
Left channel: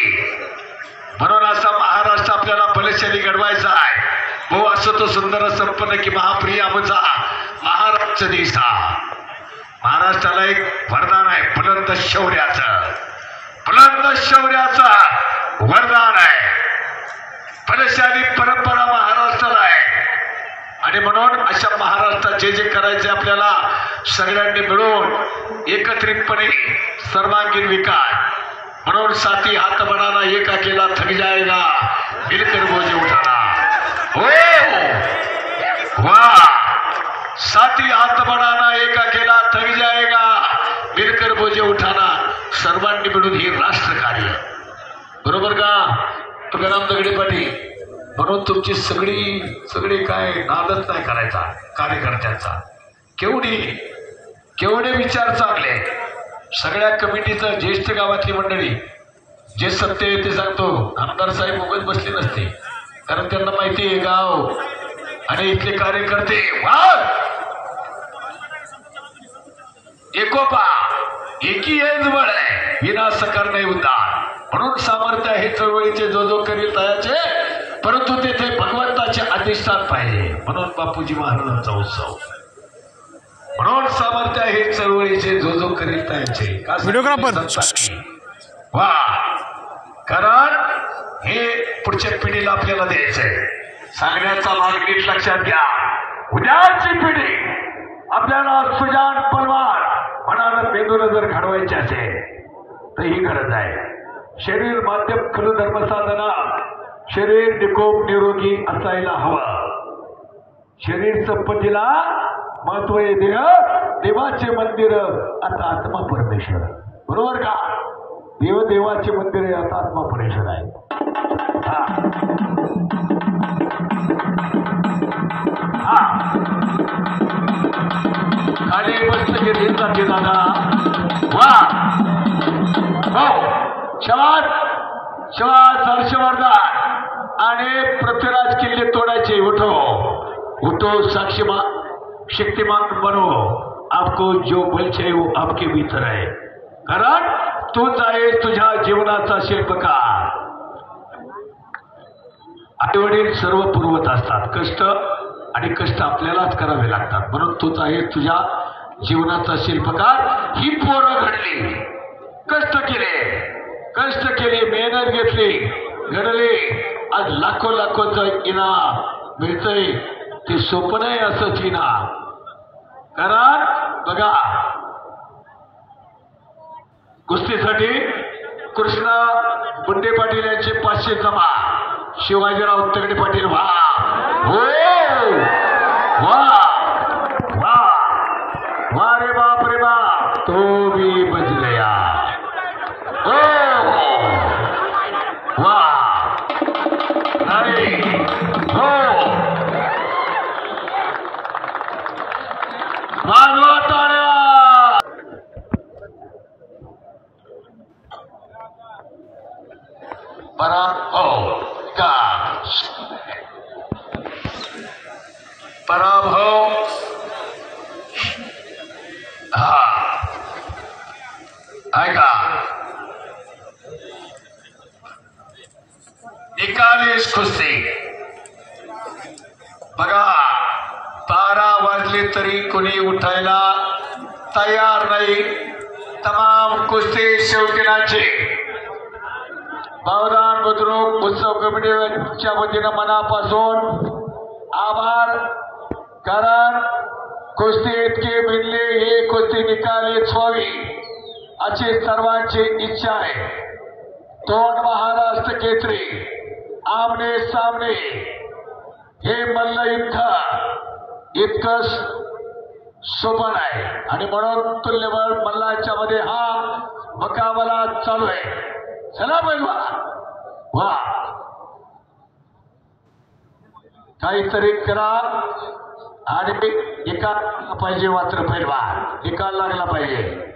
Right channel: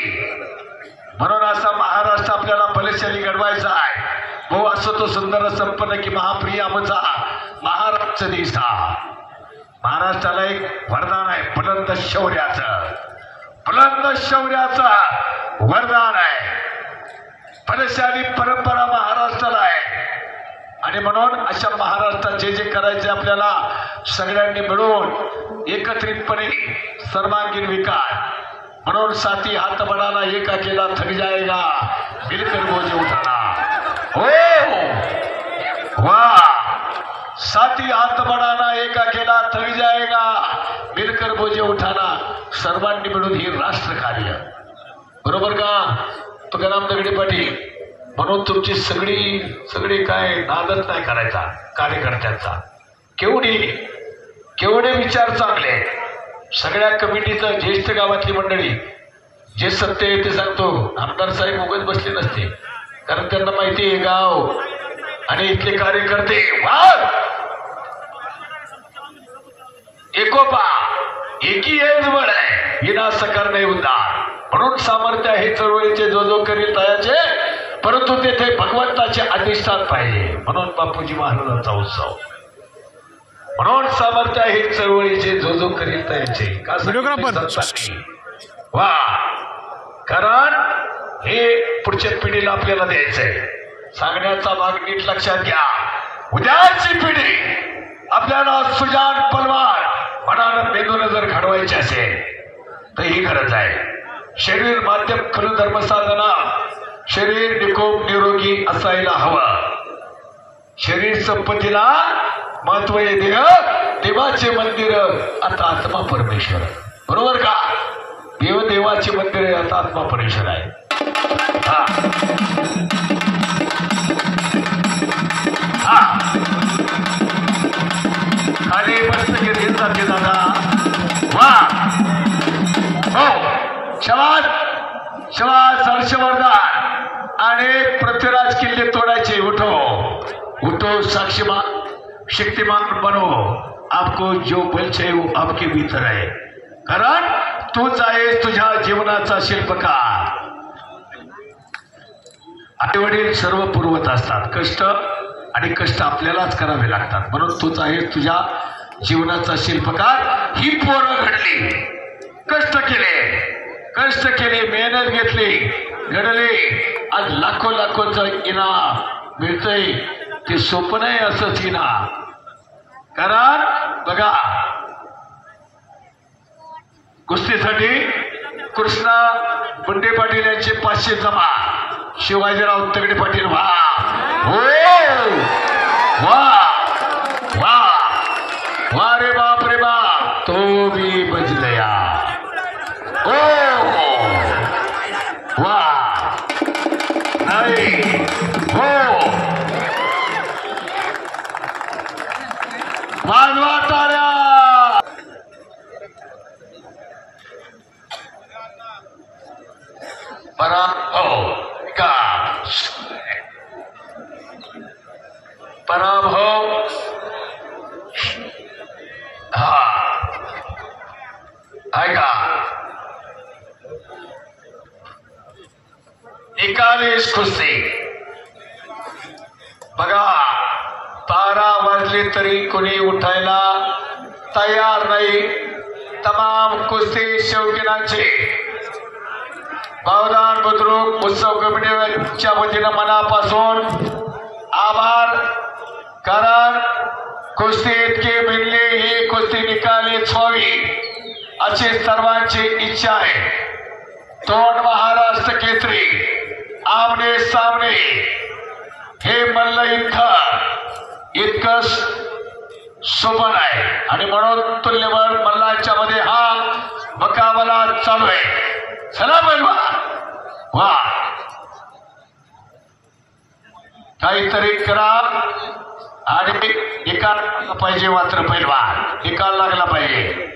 म्हणून असा महाराष्ट्र आपल्याला बलशाली घडवायचा आहे भाऊ असं तो सुंदर संपन्न की महाप्रिय आमचा महाराष्ट्र देश महाराष्ट्राला एक वरदान आहे बुलंद शौर्याचं वरदान आहे बलशाली परंपरा महाराष्ट्राला आहे आणि म्हणून अशा महाराष्ट्रात जे जे करायचे आपल्याला सगळ्यांनी मिळून एकत्रितपणे सर्वांगीण विकास म्हणून साथी हात बढ़ाना एक अकेला थक जाएगा मिलकर बोझे उठाना हो वाह साथी हात बढ़ाना एक अकेला थक जाएगा मिलकर बोझे उठाना सर्वांनी मिळून हे राष्ट्र कार्य बरोबर का तुकाराम दगडे पाटील म्हणून तुमची सगळी काय नादच नाही करायचा कार्यकर्त्यांचा केवढे विचार चांगले सगळ्या कमिटीचं ज्येष्ठ गावातली मंडळी जे सत्य आहे ते सांगतो आमदार साहेब उगाच बसले नसते कारण त्यांना माहिती आहे गाव आणि इथले कार्यकर्ते वाद एकोपा एकी हेच बळ आहे विनाशकार नाही उद्धार म्हणून सामर्थ्य आहे चळवळीचे जो करील तयाचे परंतु तेथे भगवंताचे अधिष्ठान पाहिजे म्हणून बापूजी महाराजांचा उत्सव म्हणून सामर्थ्य आहे चळवळीचे जो करील तयाचे वा कारण हे पुढच्या पिढीला आपल्याला द्यायचंय सांगण्याचा भाग नीट लक्षात घ्या उद्याची पिढी आपल्याला सुजान पलवान मनानं मेंदूला जर घडवायचे असेल तर ही गरज आहे शरीर माध्यम खरं धर्मसाधना शरीर निकोप निरोगी असायला हवं शरीर संपत्तीला महत्व आहे देवाचे मंदिर आता आत्मा परमेश्वर बरोबर का देवाचे मंदिर आता आत्मा परमेश्वर आहे अरे मस्त घेत जाते दादा वा हो शबाद हर्षवर्धन आणि पृथ्वीराज किल्ले तोडायचे उठो शक्तिमान बनो आपको जो बल चाहिए वो आपके भीतर आहे. कारण तूच आहेस तुझ्या जीवनाचा शिल्पकार. आई वडील सर्व पुरवत असतात कष्ट, आणि कष्ट आपल्यालाच करावे लागतात. म्हणून तूच आहेस तुझ्या जीवनाचा शिल्पकार. ही पोरं घडली, कष्ट केले, मेहनत घेतली, घडले. आज लाखोचं इनाम मिळतंय. ते सोपं नाही असंच इनाम. कारण बघा, कुस्तीसाठी कृष्णा गुंडे पाटील यांचे 500 जमा. शिवाजीराव तगडे पाटील वा हो वा वा वा रे बाप तो भी बजलया. ओ वा नाही हो वाजवा ताऱ्या. बरा हो का पराभव. हा ऐका, निकालीस कुस्ती. बघा, 12 वाजले तरी कोणी उठायला तयार नाही. तमाम कुस्ती शौकीनांचे बावदान बुद्रुक उत्सव कमिटीच्या वतीनं मनापासून आभार. कारण कुस्ती इतकी मिळली, ही कुस्ती निकालीच व्हावी अशी सर्वांची इच्छा आहे. तोंड महाराष्ट्र केसरी आमने सामने हे मल्ल इतकं सोपन आहे. आणि म्हणून तुल्यबळ मल्लाच्या मध्ये हा मुकाबला चालू आहे. चला पैलवान वा, काहीतरी करा आणि निकाल पाहिजे. मात्र पैलवान निकाल लागला पाहिजे.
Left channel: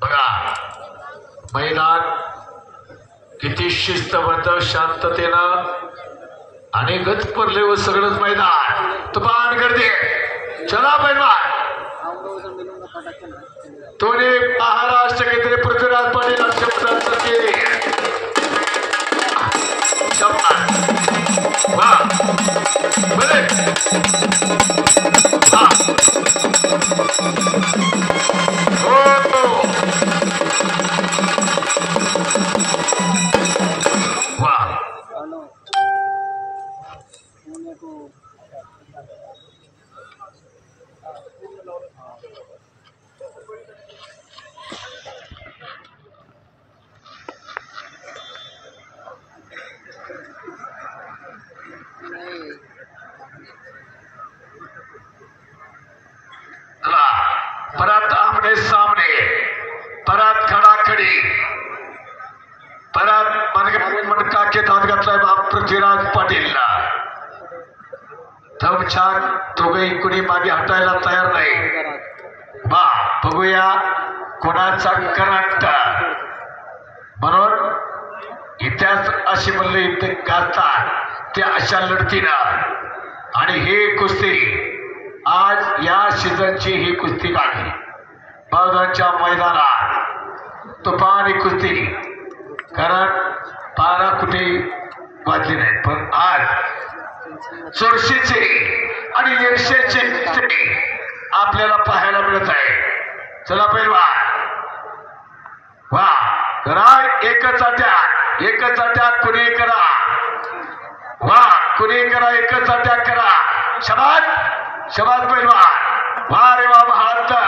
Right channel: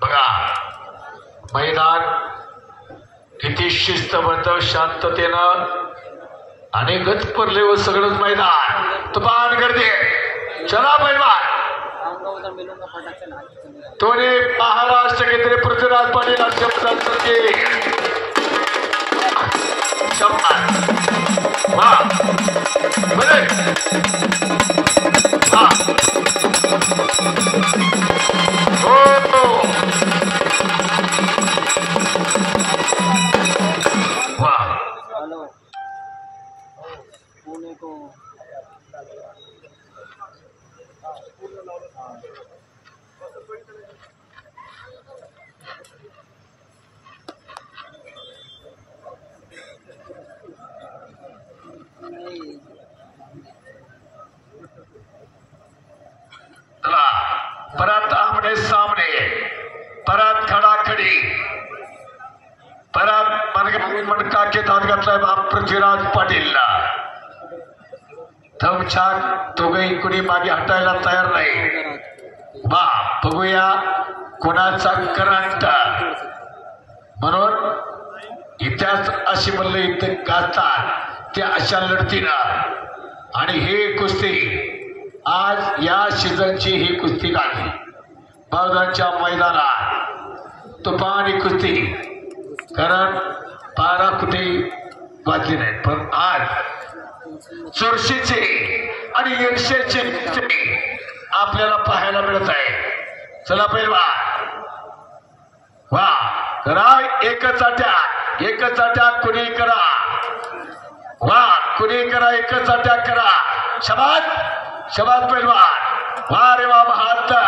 बघा, मैदान किती शिस्तबद्ध शांततेनं आणि गचपरले व सगळंच मैदान तुफान गर्दी. चला पैलवान, तोने महाराष्ट्र केसरी पृथ्वीराज पाटील वा बरे हो वा परत आमने सामने, परत खडाखडी, परत मनका के दात घातलाय बाप पृथ्वीराज पाटीलला. धमछाक दोघे कुणी मागे हटायला तयार नाही. बा बघूया कोणाचा करंट. म्हणून इतिहास अशी म्हणले इथे गाजतात ते अशा लढतीनं. आणि हे कुस्ती आज या सीझनची ही कुस्ती काढली बावदानच्या मैदानात. तुफानी कुस्ती. कारण 12 कुठे वाजली नाही, पण आज 400चे आणि 150चे आपल्याला पाहायला मिळत आहे. चला पैलवान वा करा, एकच अटॅक कुणी करा. वा कुणी करा, एकच अटॅक करा. शबाद पैलवान वा रे वा. 72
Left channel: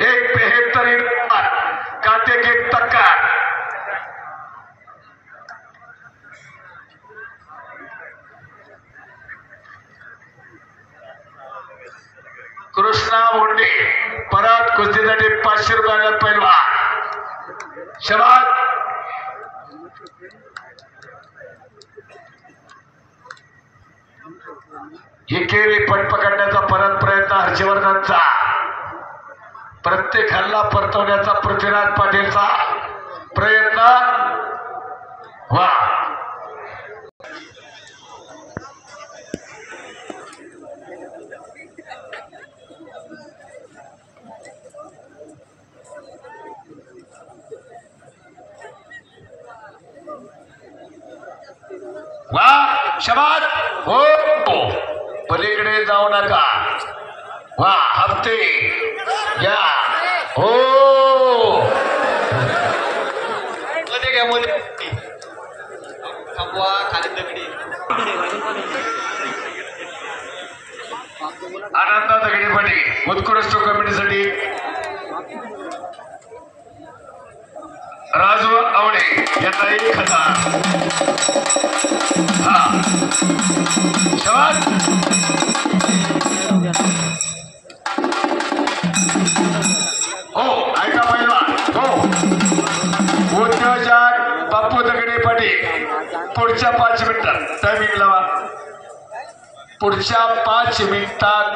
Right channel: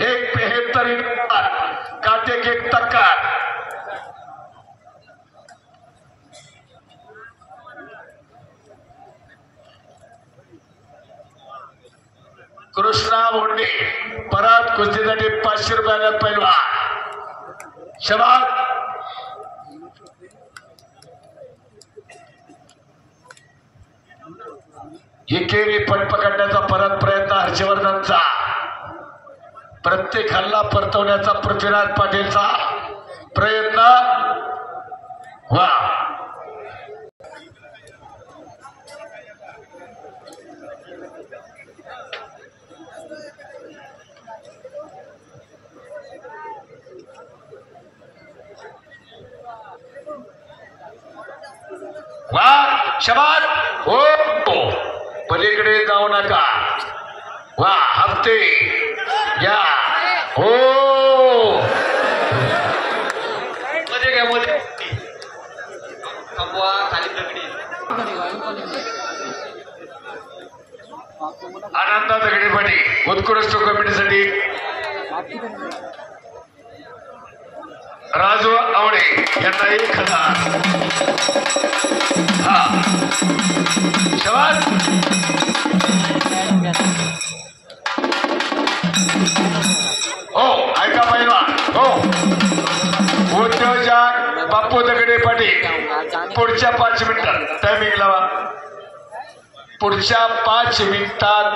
173 काटे की टक्कर. कृष्णा मुंडे परत कुस्तीसाठी 500 रुपयाला पैलवान. शबाद. एकेरी पट पकडण्याचा परत प्रयत्न हर्षवर्धनचा. प्रत्येकाला परतवण्याचा पृथ्वीराज पाटीलचा प्रयत्न. वा वा शबाद. हो पलीकडे जाऊ नका. वा हप्ते या. हो आनंदा दगडे पाटील उत्कृष्ट कमिटीसाठी राजू आवळे यांना 1000. हा शबाद. हो ऐका पहिलवान. हो उद्योजक बापू दगडे पाटील पुढच्या 5 मिनिटात टायमिंग लावा. पुढच्या 5 मिनिटात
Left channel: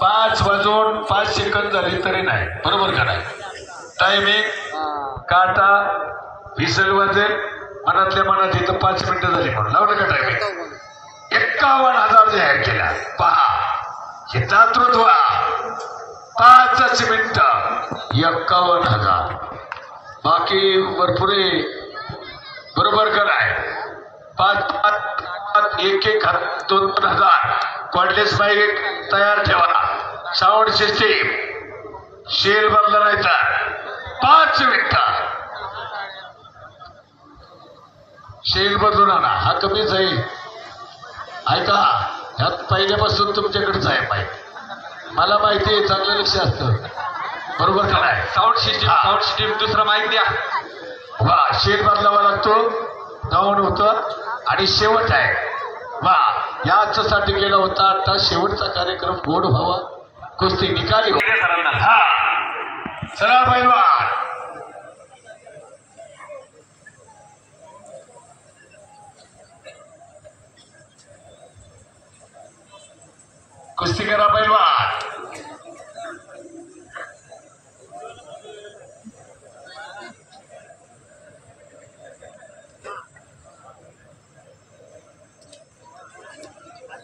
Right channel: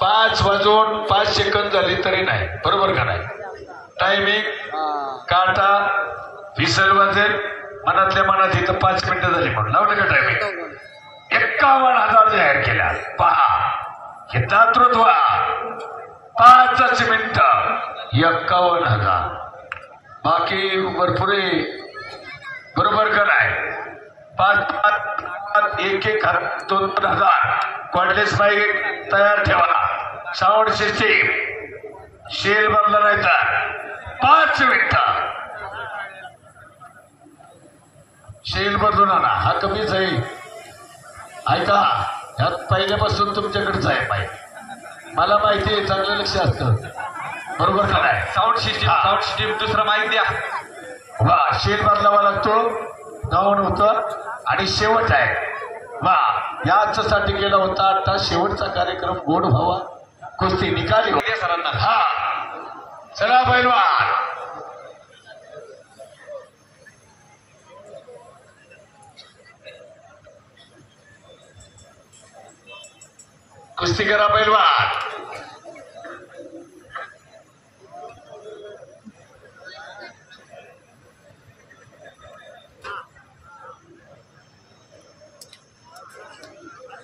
5 वाजून 5 सेकंद झाले तरी नाही. बरोबर का नाही? टायमिंग काटा विसल वाजेल मनातल्या मनात इथं 5 मिनिटं झाली म्हणून लावलं का टायमिंग. 51,000 जाहीर केल्या. पहा हे दातृत्व. 5च मिनिटं 51,000. बाकी भरपूर बरोबर का नाही? 5 1 2,000 कॉर्डलेस माईक तयार ठेवा. साऊंड सिस्टीम शेर बदला नाही तर 5 मिनिटं शेर बदलून आणा. हा कमीच आहे. ऐका ह्यात पहिल्यापासून तुमच्याकडेच आहे माईक. मला माहिती आहे चांगलं लक्ष असतं. बरोबर का नाही? साऊंड सिस्टीम दुसरा माहिती द्या. वा शेर बदलावा लागतो. गाऊन होतं आणि शेवट आहे. वा याच्यासाठी केला होता. आता शेवटचा कार्यक्रम गोड व्हावा. कुस्ती निकाली हो. हा चला पहिलवान. कुस्ती करा पहिलवान.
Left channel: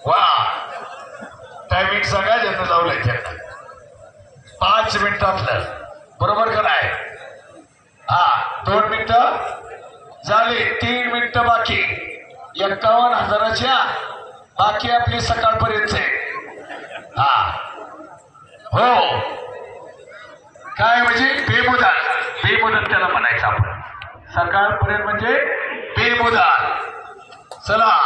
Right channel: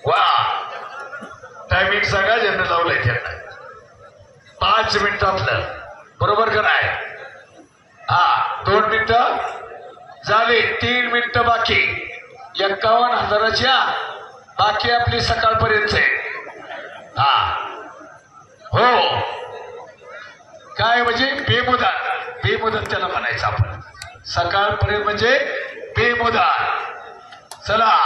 वा टायमिंग सांगा ज्यांना लावलंय त्यांना. 5 मिनिटातलं बरोबर का नाही? हा 2 मिनिटं झाली. 3 मिनिटं बाकी. 51,000च्या बाकी आपली सकाळपर्यंत आहे. हा हो काय म्हणजे बेमुदत त्याला म्हणायचं आपण. सकाळपर्यंत म्हणजे बेमुदत. चला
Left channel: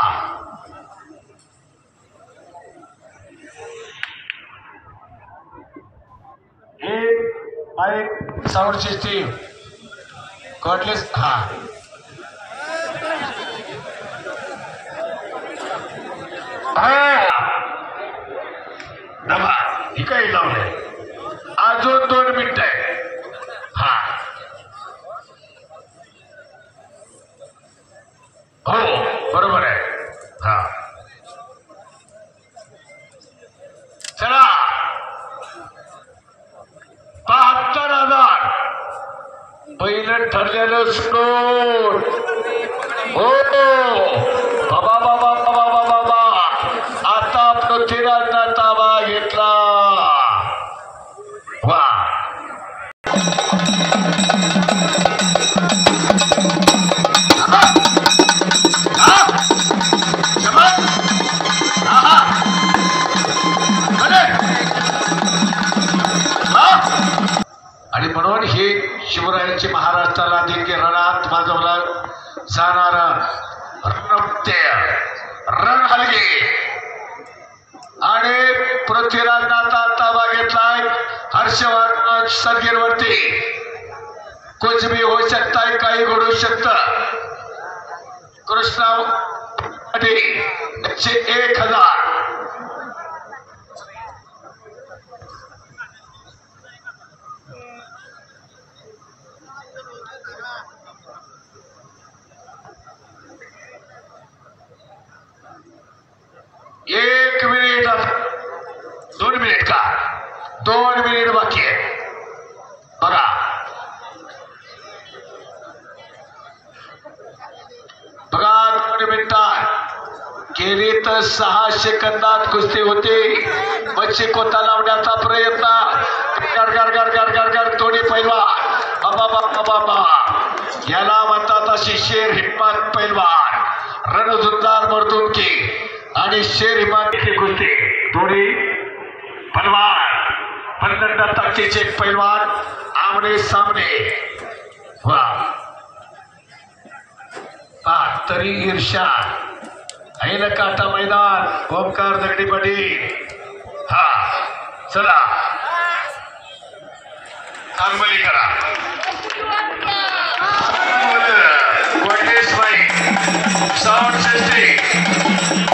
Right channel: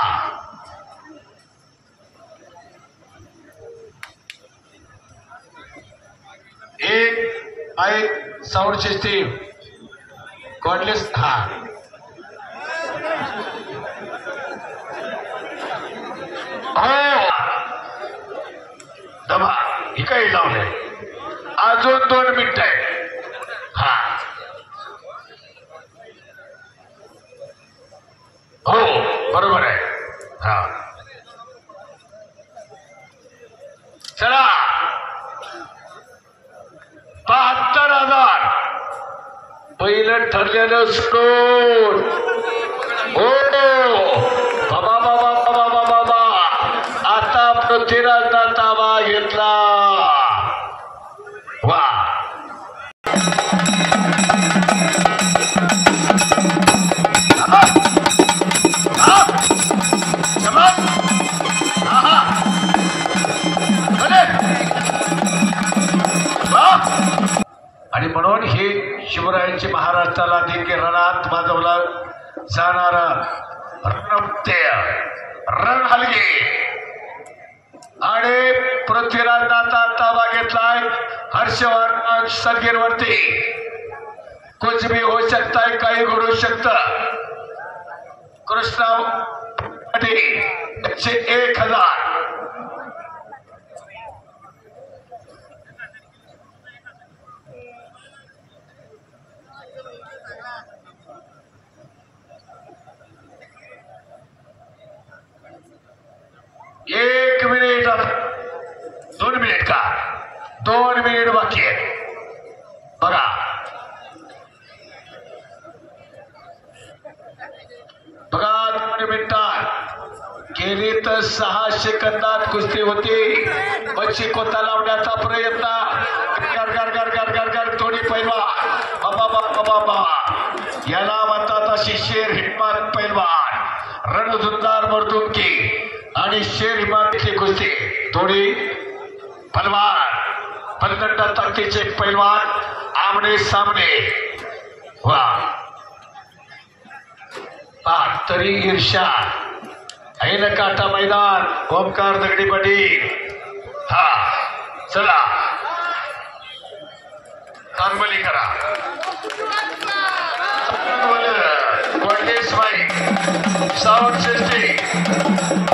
एक माईक साऊंड सिस्टीम कॉर्डलेस. हा दबा ही काही लावलंय. अजून 2 मिनिटं आहे. हा हो बरोबर आहे. हा चला 72,000 पहिलं ठरलेलं स्कोर. हो बाबा बाबा बाबा बाबा आता पृथ्वीराजचा ताबा घेतला. वा आणि म्हणून हे शिवरायांची महाराष्ट्राला देखील रणात माजवला जाणारा रणनृत्य रणहलगी आणि पृथ्वीराजनाचा ताबा घेतलाय. हर्षवर्धन सदगीरवरती कुछ भी हो सकता है. काही घडू शकतं. कृष्णा 1,000 1 मिनिट 2 मिनिट का 2 मिनिट बाकी आहे बघा. बघा 2 मिनिटात केली तर 6 सेकंदात कुस्ती होती. मच्छी कोता लावण्याचा प्रयत्न गर गर गर गर गर गर थोडी पैलवान बाबा याला म्हणतात अशी शेर हिम्मत पैलवान रणझुंजार मर्दुमकी आणि शेर हिम्मतची कुस्ती. थोडी पैलवान प्रचंड ताकदीचे पैलवान आमने सामने वा तरी ईर्षा ऐन काटा मैदान ओमकार दगडी पाटील. हा चला कांगोली करा साऊंड सिस्टीम